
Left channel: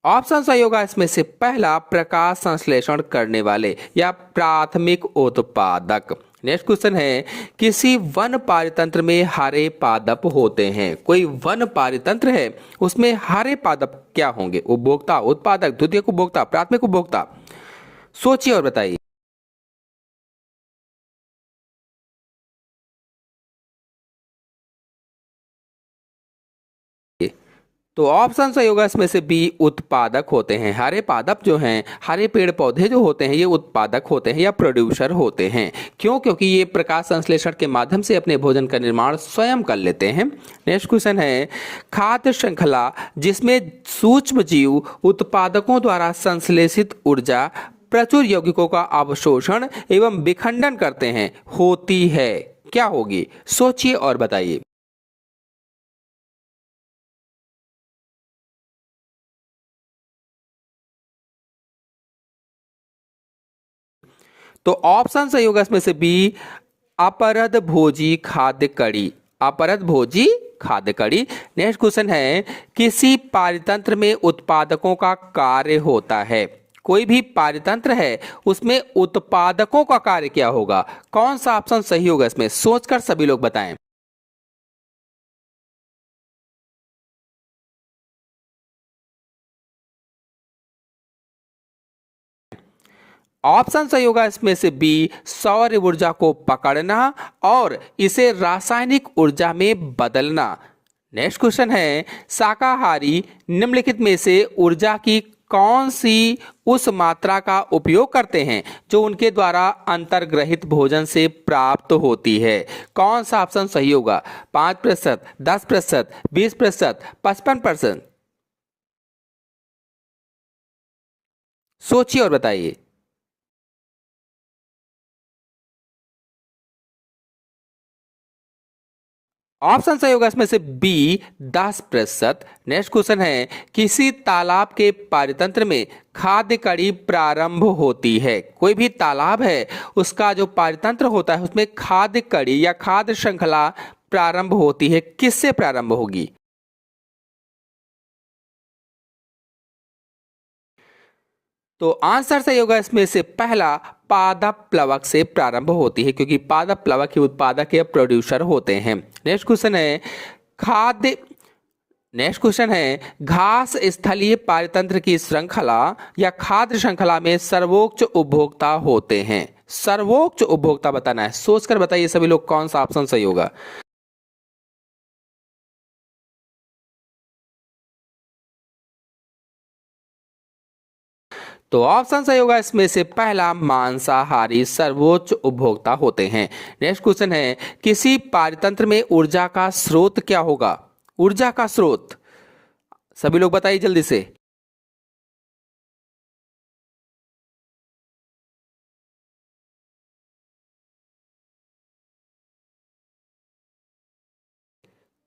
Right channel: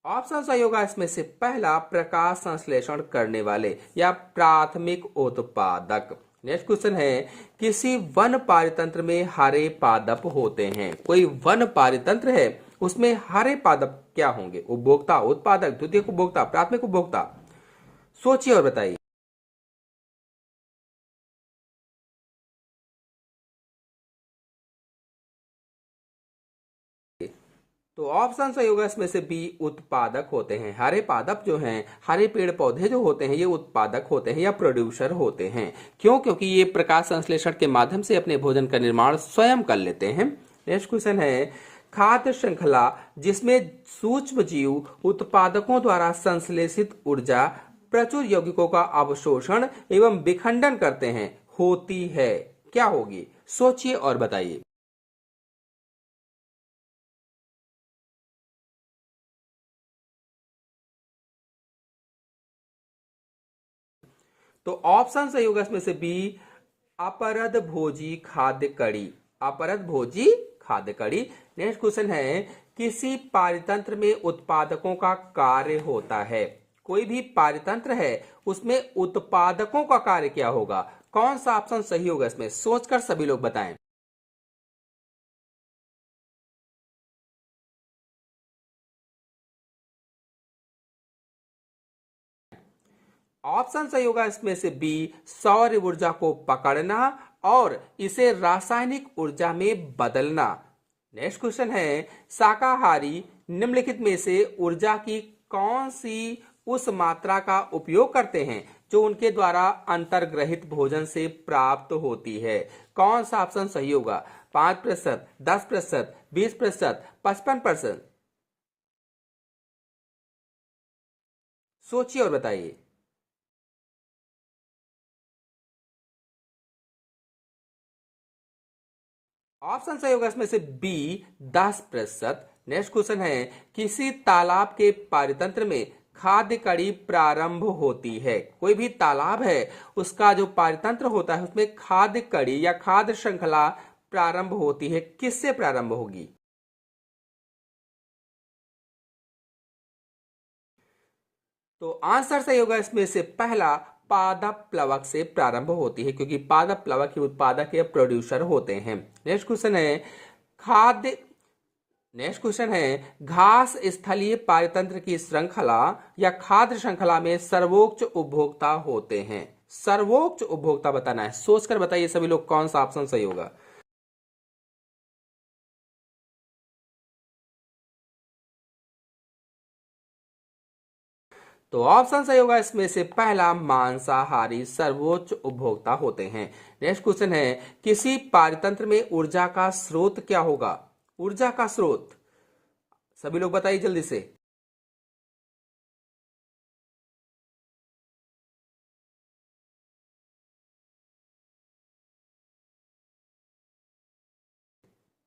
ऑप्शन सही होगा इसमें से पहला, प्रकाश संश्लेषण करने वाले या प्राथमिक उत्पादक। नेक्स्ट क्वेश्चन है, किसी वन पारितंत्र में हरे पादप होते हैं। कोई वन पारितंत्र है उसमें हरे पादप क्या होंगे? उपभोक्ता, उत्पादक, द्वितीयक उपभोक्ता, प्राथमिक उपभोक्ता। सोचिए और बताइए। तो ऑप्शन सही होगा इसमें से बी, उत्पादक होते हैं। हरे पादप जो हैं, हरे पेड़ पौधे जो होते हैं, ये उत्पादक होते हैं या प्रोड्यूसर होते हैं। क्यों? क्योंकि ये प्रकाश संश्लेषण के माध्यम से अपने भोजन का निर्माण स्वयं कर लेते हैं। नेक्स्ट क्वेश्चन है, खाद्य श्रृंखला जिसमें सूक्ष्म जीव उत्पादकों द्वारा संश्लेषित ऊर्जा प्रचुर यौगिकों का अवशोषण एवं विखंडन करते हैं होती है, क्या होगी? सोचिए और बताइए। तो ऑप्शन सही होगा इसमें से बी, अपरद भोजी खाद्य कड़ी। अपरद भोजी खाद्य कड़ी। नेक्स्ट क्वेश्चन है, किसी पारितंत्र में उत्पादकों का कार्य होता है। कोई भी पारितंत्र है उसमें उत्पादकों का कार्य क्या होगा? कौन सा ऑप्शन सही होगा इसमें? सोचकर सभी लोग बताएं। ऑप्शन सही होगा इसमें से बी, सौर ऊर्जा को पकड़ना और इसे रासायनिक ऊर्जा में बदलना। नेक्स्ट क्वेश्चन है, शाकाहारी निम्नलिखित में से ऊर्जा की कौन सी उस मात्रा का उपयोग करते हैं जो उनके द्वारा अंतर्ग्रहित भोजन से प्राप्त होती है? कौन सा ऑप्शन सही होगा? 5%, 10%, 20%, 55%? सोचिए और बताइए। ऑप्शन सही होगा इसमें से बी, 10%। नेक्स्ट क्वेश्चन है, किसी तालाब के पारितंत्र में खाद्य कड़ी प्रारंभ होती है। कोई भी तालाब है उसका जो पारितंत्र होता है उसमें खाद्य कड़ी या खाद्य श्रृंखला प्रारंभ होती है, किससे प्रारंभ होगी? तो आंसर सही होगा इसमें से पहला, पादप प्लवक से प्रारंभ होती है, क्योंकि पादप प्लवक ही उत्पादक या प्रोड्यूसर होते हैं। नेक्स्ट क्वेश्चन है, खाद्य नेक्स्ट क्वेश्चन है, घास स्थलीय पारितंत्र की श्रृंखला या खाद्य श्रृंखला में सर्वोच्च उपभोक्ता होते हैं। सर्वोच्च उपभोक्ता बताना है, सोचकर बताइए सभी लोग कौन सा ऑप्शन सही होगा। तो ऑप्शन सही होगा इसमें से पहला, मांसाहारी सर्वोच्च उपभोक्ता होते हैं। नेक्स्ट क्वेश्चन है, किसी पारतंत्र में ऊर्जा का स्रोत क्या होगा? ऊर्जा का स्रोत सभी लोग बताइए जल्दी से।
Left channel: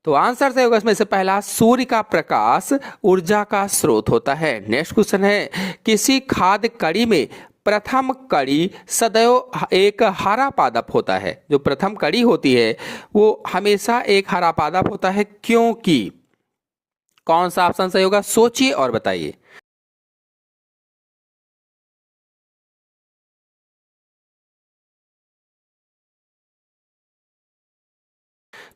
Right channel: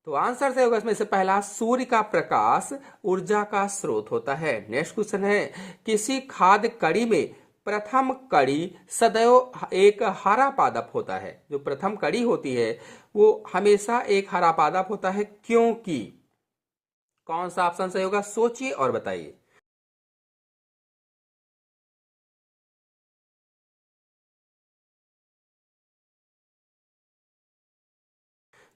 तो आंसर सही होगा इसमें से पहला, सूर्य का प्रकाश ऊर्जा का स्रोत होता है। नेक्स्ट क्वेश्चन है, किसी खाद्य कड़ी में प्रथम कड़ी सदैव एक हरा पादप होता है। जो प्रथम कड़ी होती है वो हमेशा एक हरा पादप होता है, क्योंकि कौन सा ऑप्शन सही होगा? सोचिए और बताइए।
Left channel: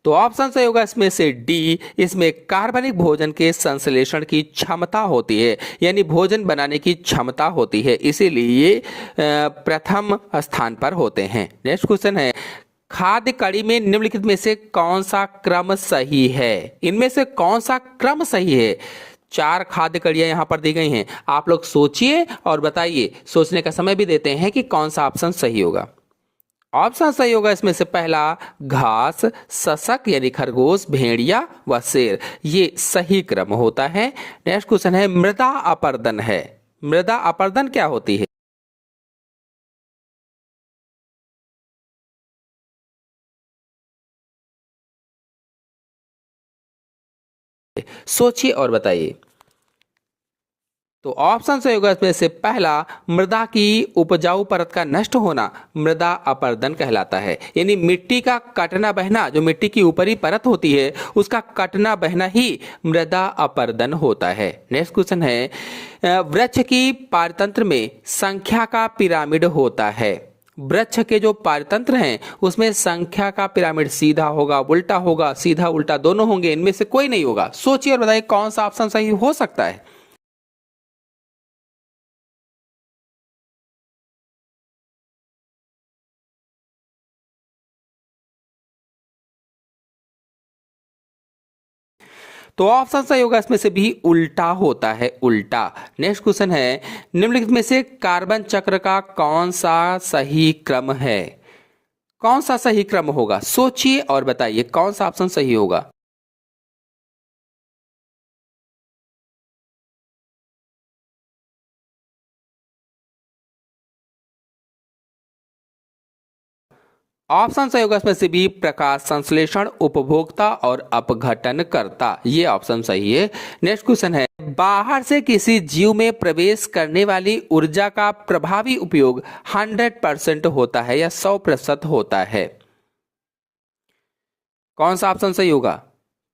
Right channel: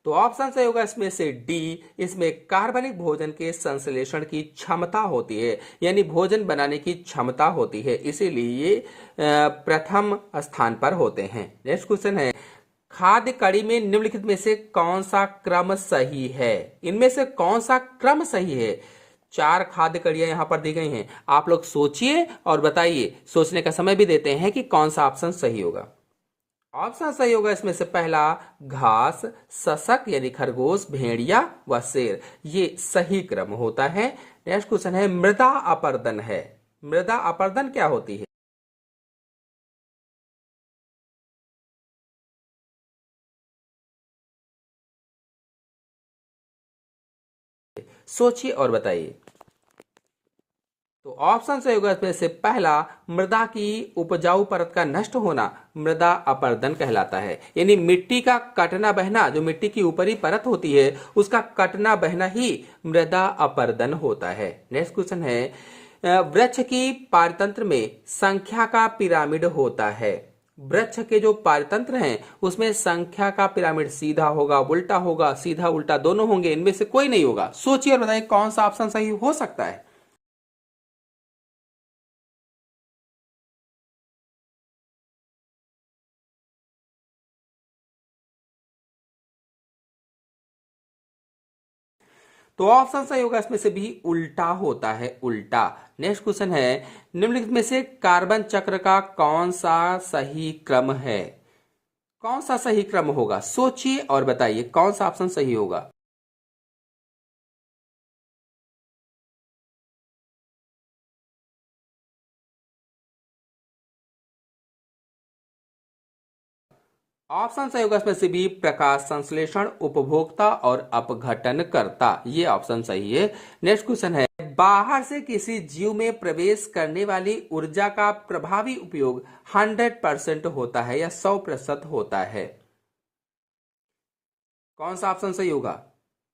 तो ऑप्शन सही होगा इसमें से डी, इसमें कार्बनिक भोजन के संश्लेषण की क्षमता होती है, यानी भोजन बनाने की क्षमता होती है, इसीलिए ये प्रथम स्थान पर होते हैं। नेक्स्ट क्वेश्चन है, खाद्य कड़ी में निम्नलिखित में से कौन सा क्रम सही है? इनमें से कौन सा क्रम सही है? चार खाद्य कड़ियां यहां पर दी गई हैं, आप लोग सोचिए और बताइए। सोचने का समय भी देते हैं कि कौन सा ऑप्शन सही होगा। ऑप्शन सही होगा इसमें से पहला, घास, सशक यानी खरगोश, भेड़िया व शेर, ये सही क्रम होता है। नेक्स्ट क्वेश्चन है, मृदा अपरदन है। मृदा अपरदन क्या होती है? सोचिए और बताइए। तो ऑप्शन सही होगा इसमें से पहला, मृदा की उपजाऊ परत का नष्ट होना मृदा अपरदन कहलाता है, यानी मिट्टी का कटना बहना, जो मिट्टी की ऊपरी परत होती है उसका कटना बहना ही मृदा अपरदन होता है। नेक्स्ट क्वेश्चन है, वृक्ष की पारतंत्र में संख्या का पिरामिड होता है। वृक्ष के जो पारतंत्र हैं उसमें संख्या का पिरामिड सीधा होगा, उल्टा होगा, सीधा उल्टा दोनों होंगे, इनमें से कोई नहीं होगा। सोचिए और बताइए कौन सा ऑप्शन सही हो सकता है। तो ऑप्शन सही होगा इसमें से भी उल्टा होता है, उल्टा। नेक्स्ट क्वेश्चन है, निम्नलिखित में से कार्बन चक्र का कौन सा सही क्रम है? कौन सा सही क्रम होगा? सोचिए और बताइए कौन सा ऑप्शन सही होगा। ऑप्शन सही होगा इसमें से भी, प्रकाश संश्लेषण, उपभोक्ता और अपघटन करता, ये ऑप्शन सही है। नेक्स्ट क्वेश्चन है, बाहर से किसी जीव में प्रवेश करने वाली ऊर्जा का प्रभावी उपयोग 100% होता है या 100% होता है? कौन सा ऑप्शन सही होगा?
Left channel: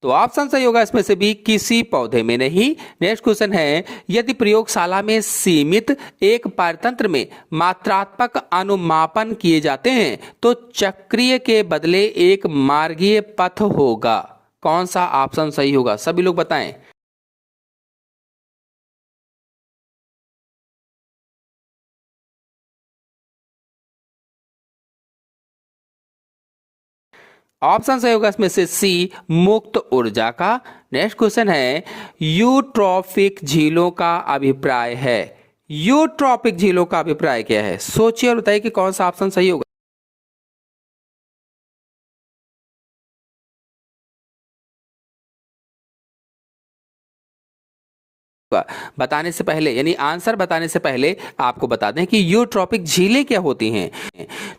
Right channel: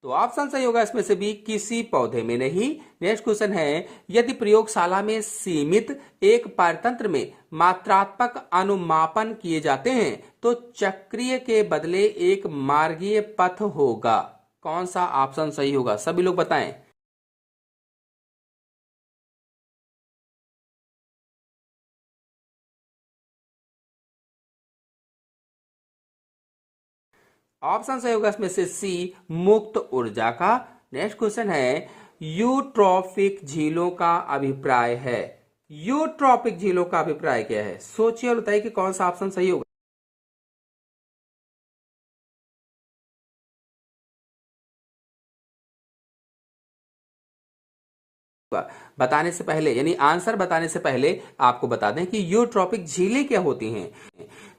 तो ऑप्शन सही होगा इसमें से भी, किसी पौधे में नहीं। नेक्स्ट क्वेश्चन है, यदि प्रयोगशाला में सीमित एक पारतंत्र में मात्रात्मक अनुमापन किए जाते हैं तो चक्रीय के बदले एक मार्गीय पथ होगा। कौन सा ऑप्शन सही होगा? सभी लोग बताएं। ऑप्शन सही होगा इसमें से सी, मुक्त ऊर्जा का। नेक्स्ट क्वेश्चन है, यूट्रॉपिक झीलों का अभिप्राय है। यूट्रॉपिक झीलों का अभिप्राय क्या है? सोचिए और बताइए कि कौन सा ऑप्शन सही होगा। बताने से पहले यानी आंसर बताने से पहले आपको बता दें कि यूट्रॉपिक झीलें क्या होती हैं।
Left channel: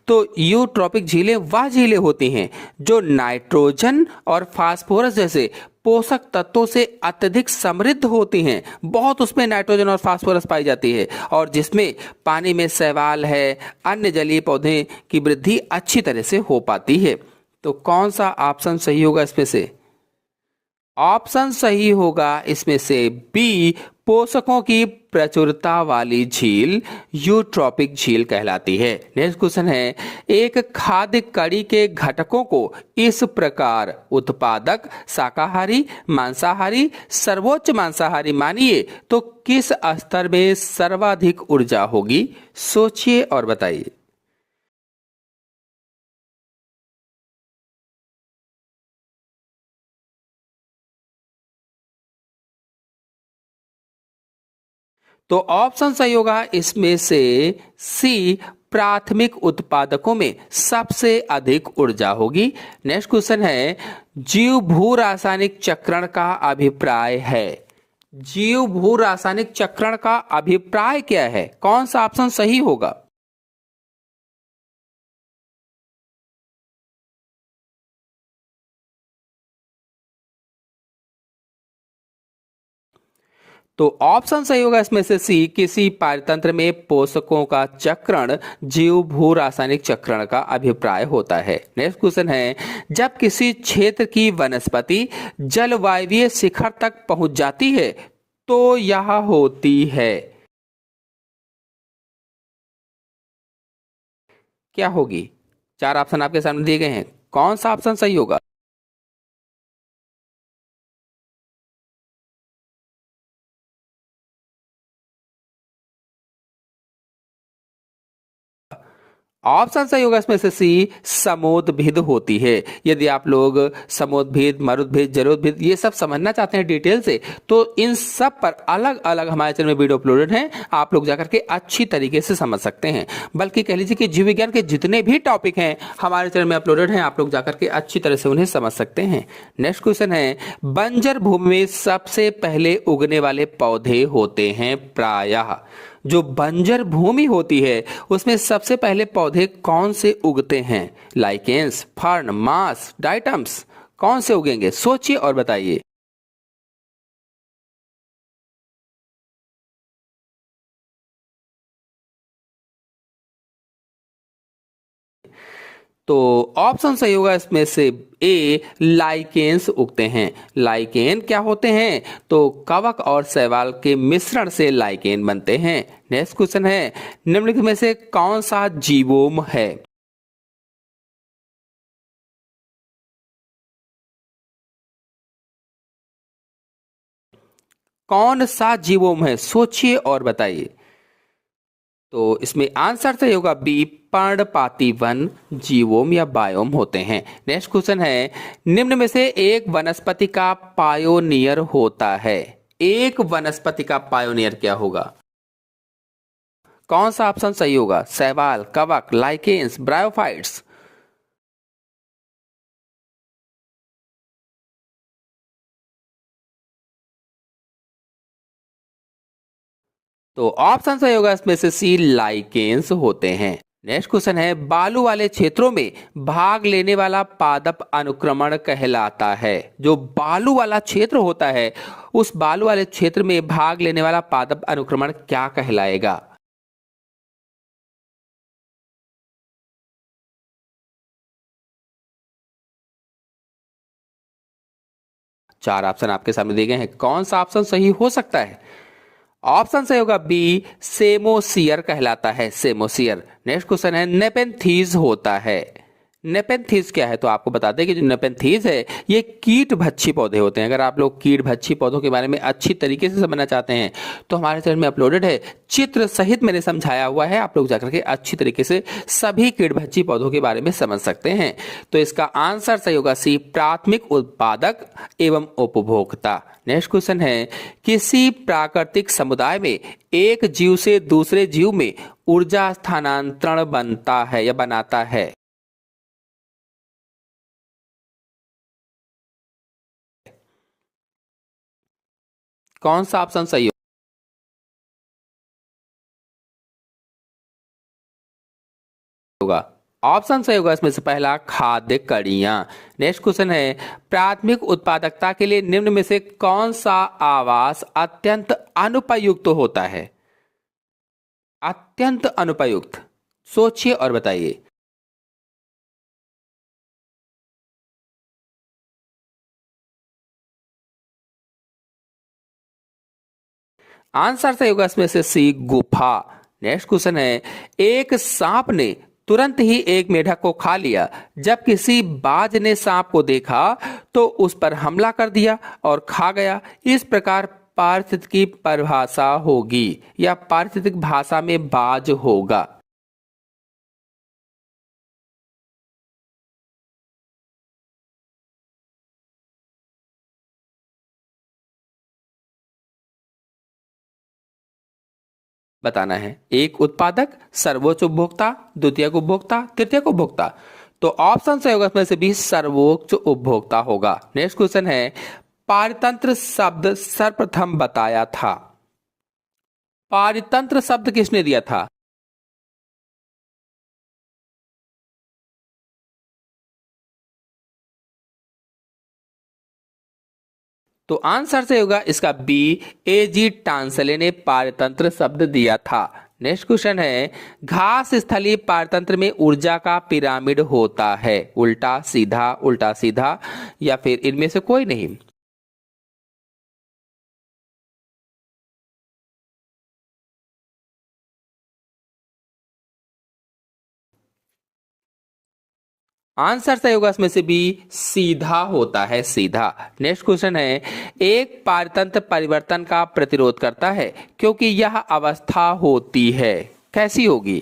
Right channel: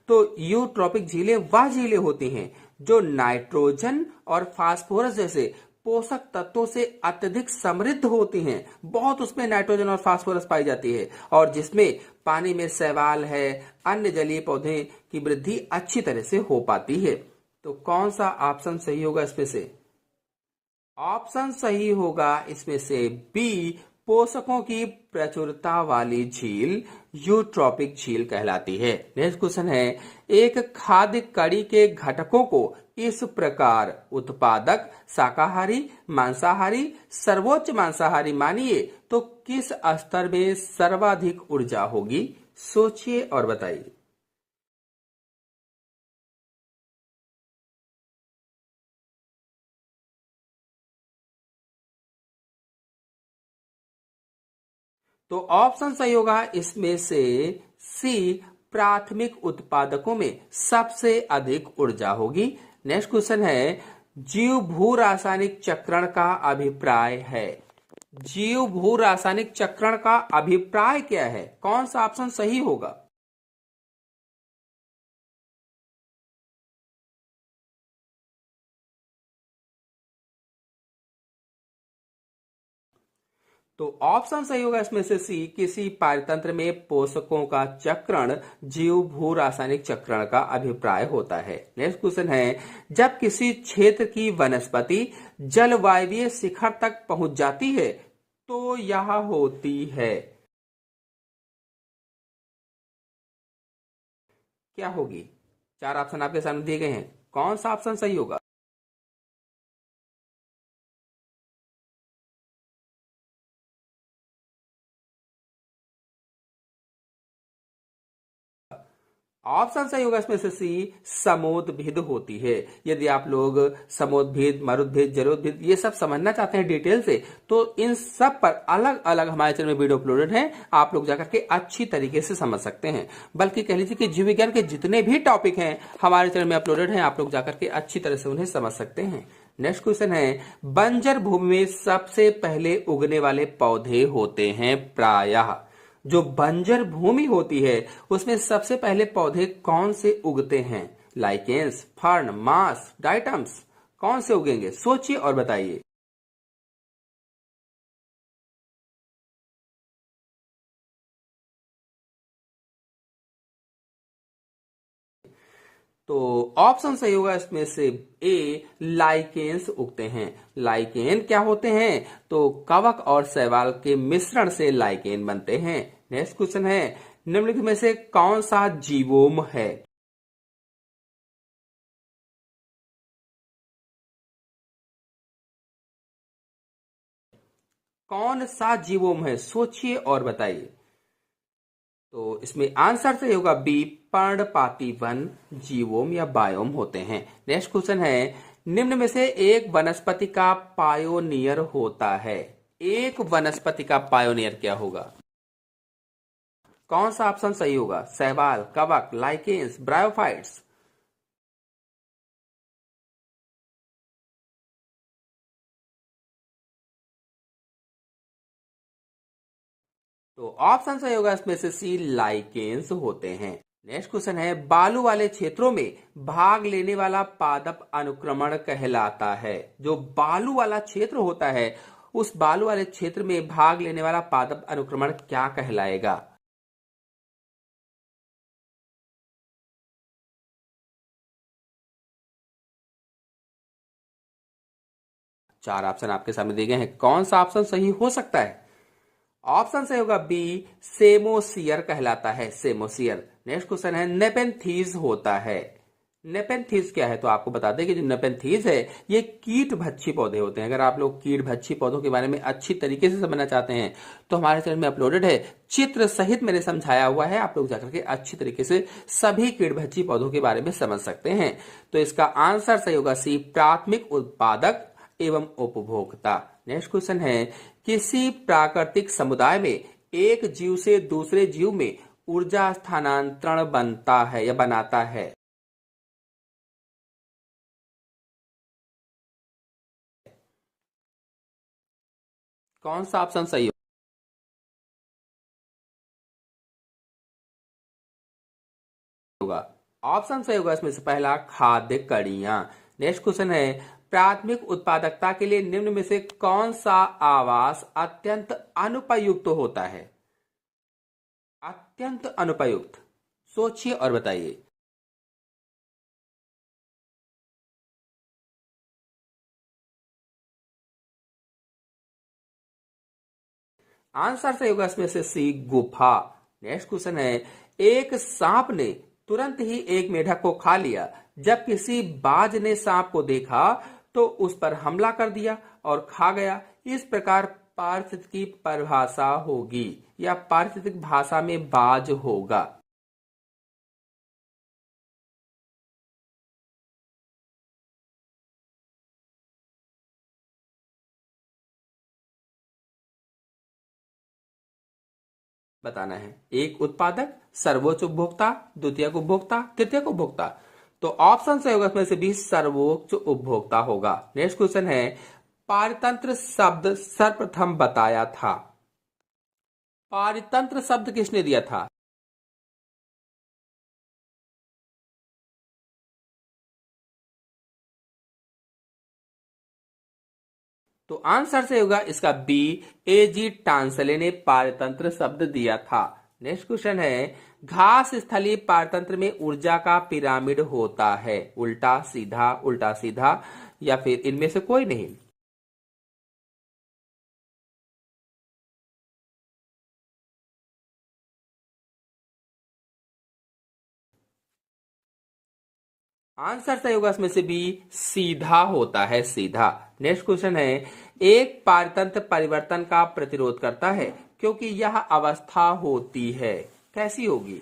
तो यूट्रॉपिक झीलें वह झीलें होती हैं जो नाइट्रोजन और फास्फोरस जैसे पोषक तत्वों से अत्यधिक समृद्ध होती हैं। बहुत उसमें नाइट्रोजन और फास्फोरस पाई जाती है और जिसमें पानी में शैवाल है, अन्य जलीय पौधे की वृद्धि अच्छी तरह से हो पाती है। तो कौन सा ऑप्शन सही होगा इसमें से? ऑप्शन सही होगा इसमें से बी, पोषकों की प्रचुरता वाली झील यूट्रॉपिक झील कहलाती है। नेक्स्ट क्वेश्चन है, एक खाद्य कड़ी के घटकों को इस प्रकार उत्पादक शाकाहारी, मांसाहारी, सर्वोच्च मांसाहारी मानिए तो किस स्तर में सर्वाधिक ऊर्जा होगी? सोचिए और बताइए। तो ऑप्शन सही होगा इसमें से सी, प्राथमिक उत्पादकों में सबसे अधिक ऊर्जा होगी। नेक्स्ट क्वेश्चन है, जीव भू रासायनिक चक्रण का अभिप्राय है। जीव भू रासायनिक चक्रण का अभिप्राय क्या है? कौन सा ऑप्शन सही होगा? तो ऑप्शन सही होगा इसमें से सी, किसी पारतंत्र में पोषकों का चक्रण जीव भू रासायनिक चक्रण का अभिप्राय होता है। नेक्स्ट क्वेश्चन है, जब किसी क्षेत्र की वनस्पति जलवायवीय शिखर तक पहुंच जाती है तो यह होती है, क्या होगी? चार ऑप्शन आपके सामने दिए गए हैं, कौन सा ऑप्शन सही होगा? ऑप्शन सही होगा इसमें से सी, समोद्भिद होती है। यदि आप लोग समोद्भिद, मरुद्भिद, जलोद्भिद ये सब समझना चाहते हैं डिटेल से तो इन सब पर अलग अलग हमारे चैनल में वीडियो अपलोडेड हैं, आप लोग जाकर के अच्छी तरीके से समझ सकते हैं। बल्कि कह लीजिए कि जीव विज्ञान के जितने भी टॉपिक हैं हमारे चैनल में अपलोडेड हैं, आप लोग जाकर के अच्छी तरह से उन्हें समझ सकते हैं। नेक्स्ट क्वेश्चन है, बंजर भूमि में सबसे पहले उगने वाले पौधे होते हैं प्रायः। जो बंजर भूमि होती है उसमें सबसे पहले पौधे कौन से उगते हैं? लाइकेंस, फर्न, मास, डाइटम्स, कौन से उगेंगे? सोचिए और बताइए। तो ऑप्शन सही होगा इसमें से ए, लाइकेंस उगते हैं। लाइकेन क्या होते हैं? तो कवक और शैवाल के मिश्रण से लाइकेन बनते हैं। नेक्स्ट क्वेश्चन है, निम्नलिखित में से कौन सा जीवोम है? कौन सा जीवोम है? सोचिए और बताइए। तो इसमें आंसर सही होगा बी, पर्णपाती वन जीवोम या बायोम होते हैं। नेक्स्ट क्वेश्चन है, निम्न में से एक वनस्पति का पायोनियर होता है। एक वनस्पति का पायोनियर क्या होगा? कौन सा ऑप्शन सही होगा? शैवाल, कवक, लाइकेंस, ब्रायोफाइट्स? तो ऑप्शन सही होगा इसमें से सी, लाइकेंस होते हैं। नेक्स्ट क्वेश्चन है, बालू वाले क्षेत्रों में भाग लेने वाला पादप अनुक्रमण कहलाता है। जो बालू वाला क्षेत्र होता है उस बालू वाले क्षेत्र में भाग लेने वाला पादप अनुक्रमण क्या कहलाएगा? चार ऑप्शन आपके सामने दिए गए हैं, कौन सा ऑप्शन सही हो सकता है? ऑप्शन सही होगा बी, सेमोसियर कहलाता है। सेमोसियर। नेक्स्ट क्वेश्चन है, नेपेंथीज होता है। नेपेंथीज क्या है? तो आपको बता दें कि जो नेपेंथीज है ये कीट भक्षी पौधे होते हैं। अगर आप लोग कीट भक्षी पौधों के बारे में अच्छी तरीके से समझना चाहते हैं तो हमारे चैनल में अपलोडेड है, चित्र सहित मैंने समझाया हुआ है, आप लोग जाकर के अच्छी तरीके से सभी कीट भक्षी पौधों के बारे में समझ सकते हैं। तो इसका आंसर सही होगा सी, प्राथमिक उत्पादक एवं उपभोक्ता। नेक्स्ट क्वेश्चन है, किसी प्राकृतिक समुदाय में एक जीव से दूसरे जीव में ऊर्जा स्थानांतरण बनता है या बनाता है? कौन सा ऑप्शन सही होगा? ऑप्शन सही होगा इसमें से पहला, खाद्य कड़ियां। नेक्स्ट क्वेश्चन है, प्राथमिक उत्पादकता के लिए निम्न में से कौन सा आवास अत्यंत अनुपयुक्त होता है? अत्यंत अनुपयुक्त, सोचिए और बताइए। आंसर सही होगा इसमें से सी, गुफा। नेक्स्ट क्वेश्चन है, एक सांप ने तुरंत ही एक मेढक को खा लिया। जब किसी बाज ने सांप को देखा तो उस पर हमला कर दिया और खा गया। इस प्रकार पारिस्थितिकी परिभाषा होगी या पारिस्थितिक भाषा में बाज होगा। बताना है, एक उत्पादक, सर्वोच्च उपभोक्ता, द्वितीयक उपभोक्ता, तृतीयक उपभोक्ता। तो ऑप्शन सही होगा इसमें से भी सर्वोच्च उपभोक्ता होगा। नेक्स्ट क्वेश्चन है, पारतंत्र शब्द सर्वप्रथम बताया था। पारतंत्र शब्द किसने दिया था? तो आंसर से होगा इसका बी, एजी टांसले ने पारतंत्र शब्द दिया था। नेक्स्ट क्वेश्चन है, घास स्थलीय पारतंत्र में ऊर्जा का पिरामिड होता है, उल्टा सीधा या फिर इनमें से कोई नहीं? आंसर सही होगा इसमें से बी, सीधा होता है, सीधा। नेक्स्ट क्वेश्चन है, एक पारतंत्र परिवर्तन का प्रतिरोध करता है क्योंकि यह अवस्था होती है, कैसी होगी?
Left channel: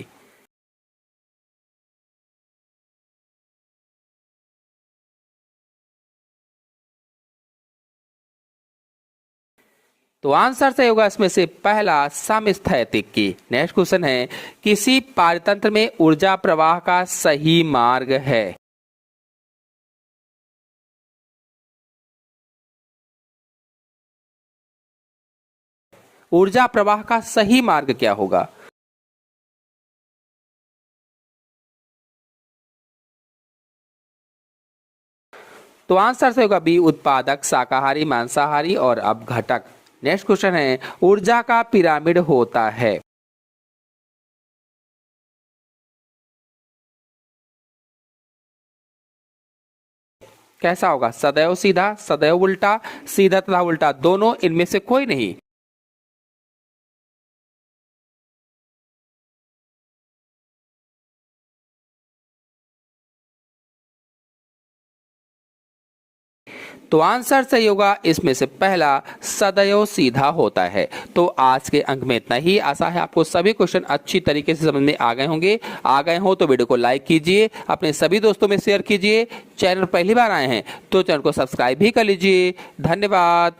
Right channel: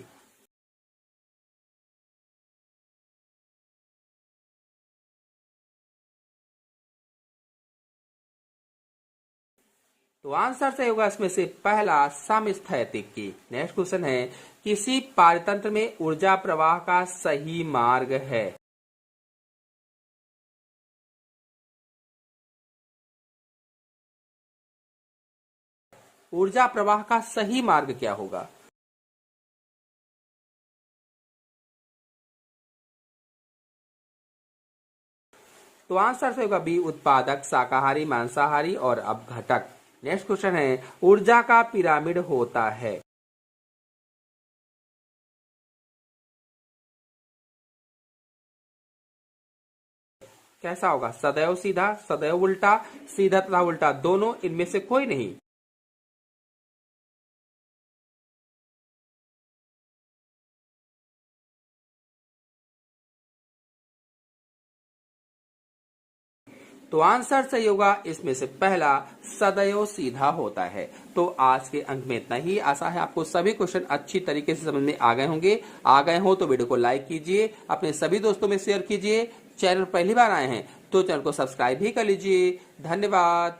तो आंसर सही होगा इसमें से पहला, समस्थैतिक की। नेक्स्ट क्वेश्चन है, किसी पारतंत्र में ऊर्जा प्रवाह का सही मार्ग है? ऊर्जा प्रवाह का सही मार्ग क्या होगा? तो आंसर से होगा बी, उत्पादक, शाकाहारी, मांसाहारी और अपघटक। नेक्स्ट क्वेश्चन है, ऊर्जा का पिरामिड होता है? कैसा होगा? सदैव सीधा, सदैव उल्टा, सीधा तथा उल्टा दोनों, इनमें से कोई नहीं? तो आंसर सही होगा इसमें से पहला, सदैव सीधा होता है। तो आज के अंक में इतना ही। आशा है आपको सभी क्वेश्चन अच्छी तरीके से समझ में आ गए होंगे। आ गए हो तो वीडियो को लाइक कीजिए, अपने सभी दोस्तों में शेयर कीजिए। चैनल पहली बार आए हैं तो चैनल को सब्सक्राइब भी कर लीजिए। धन्यवाद।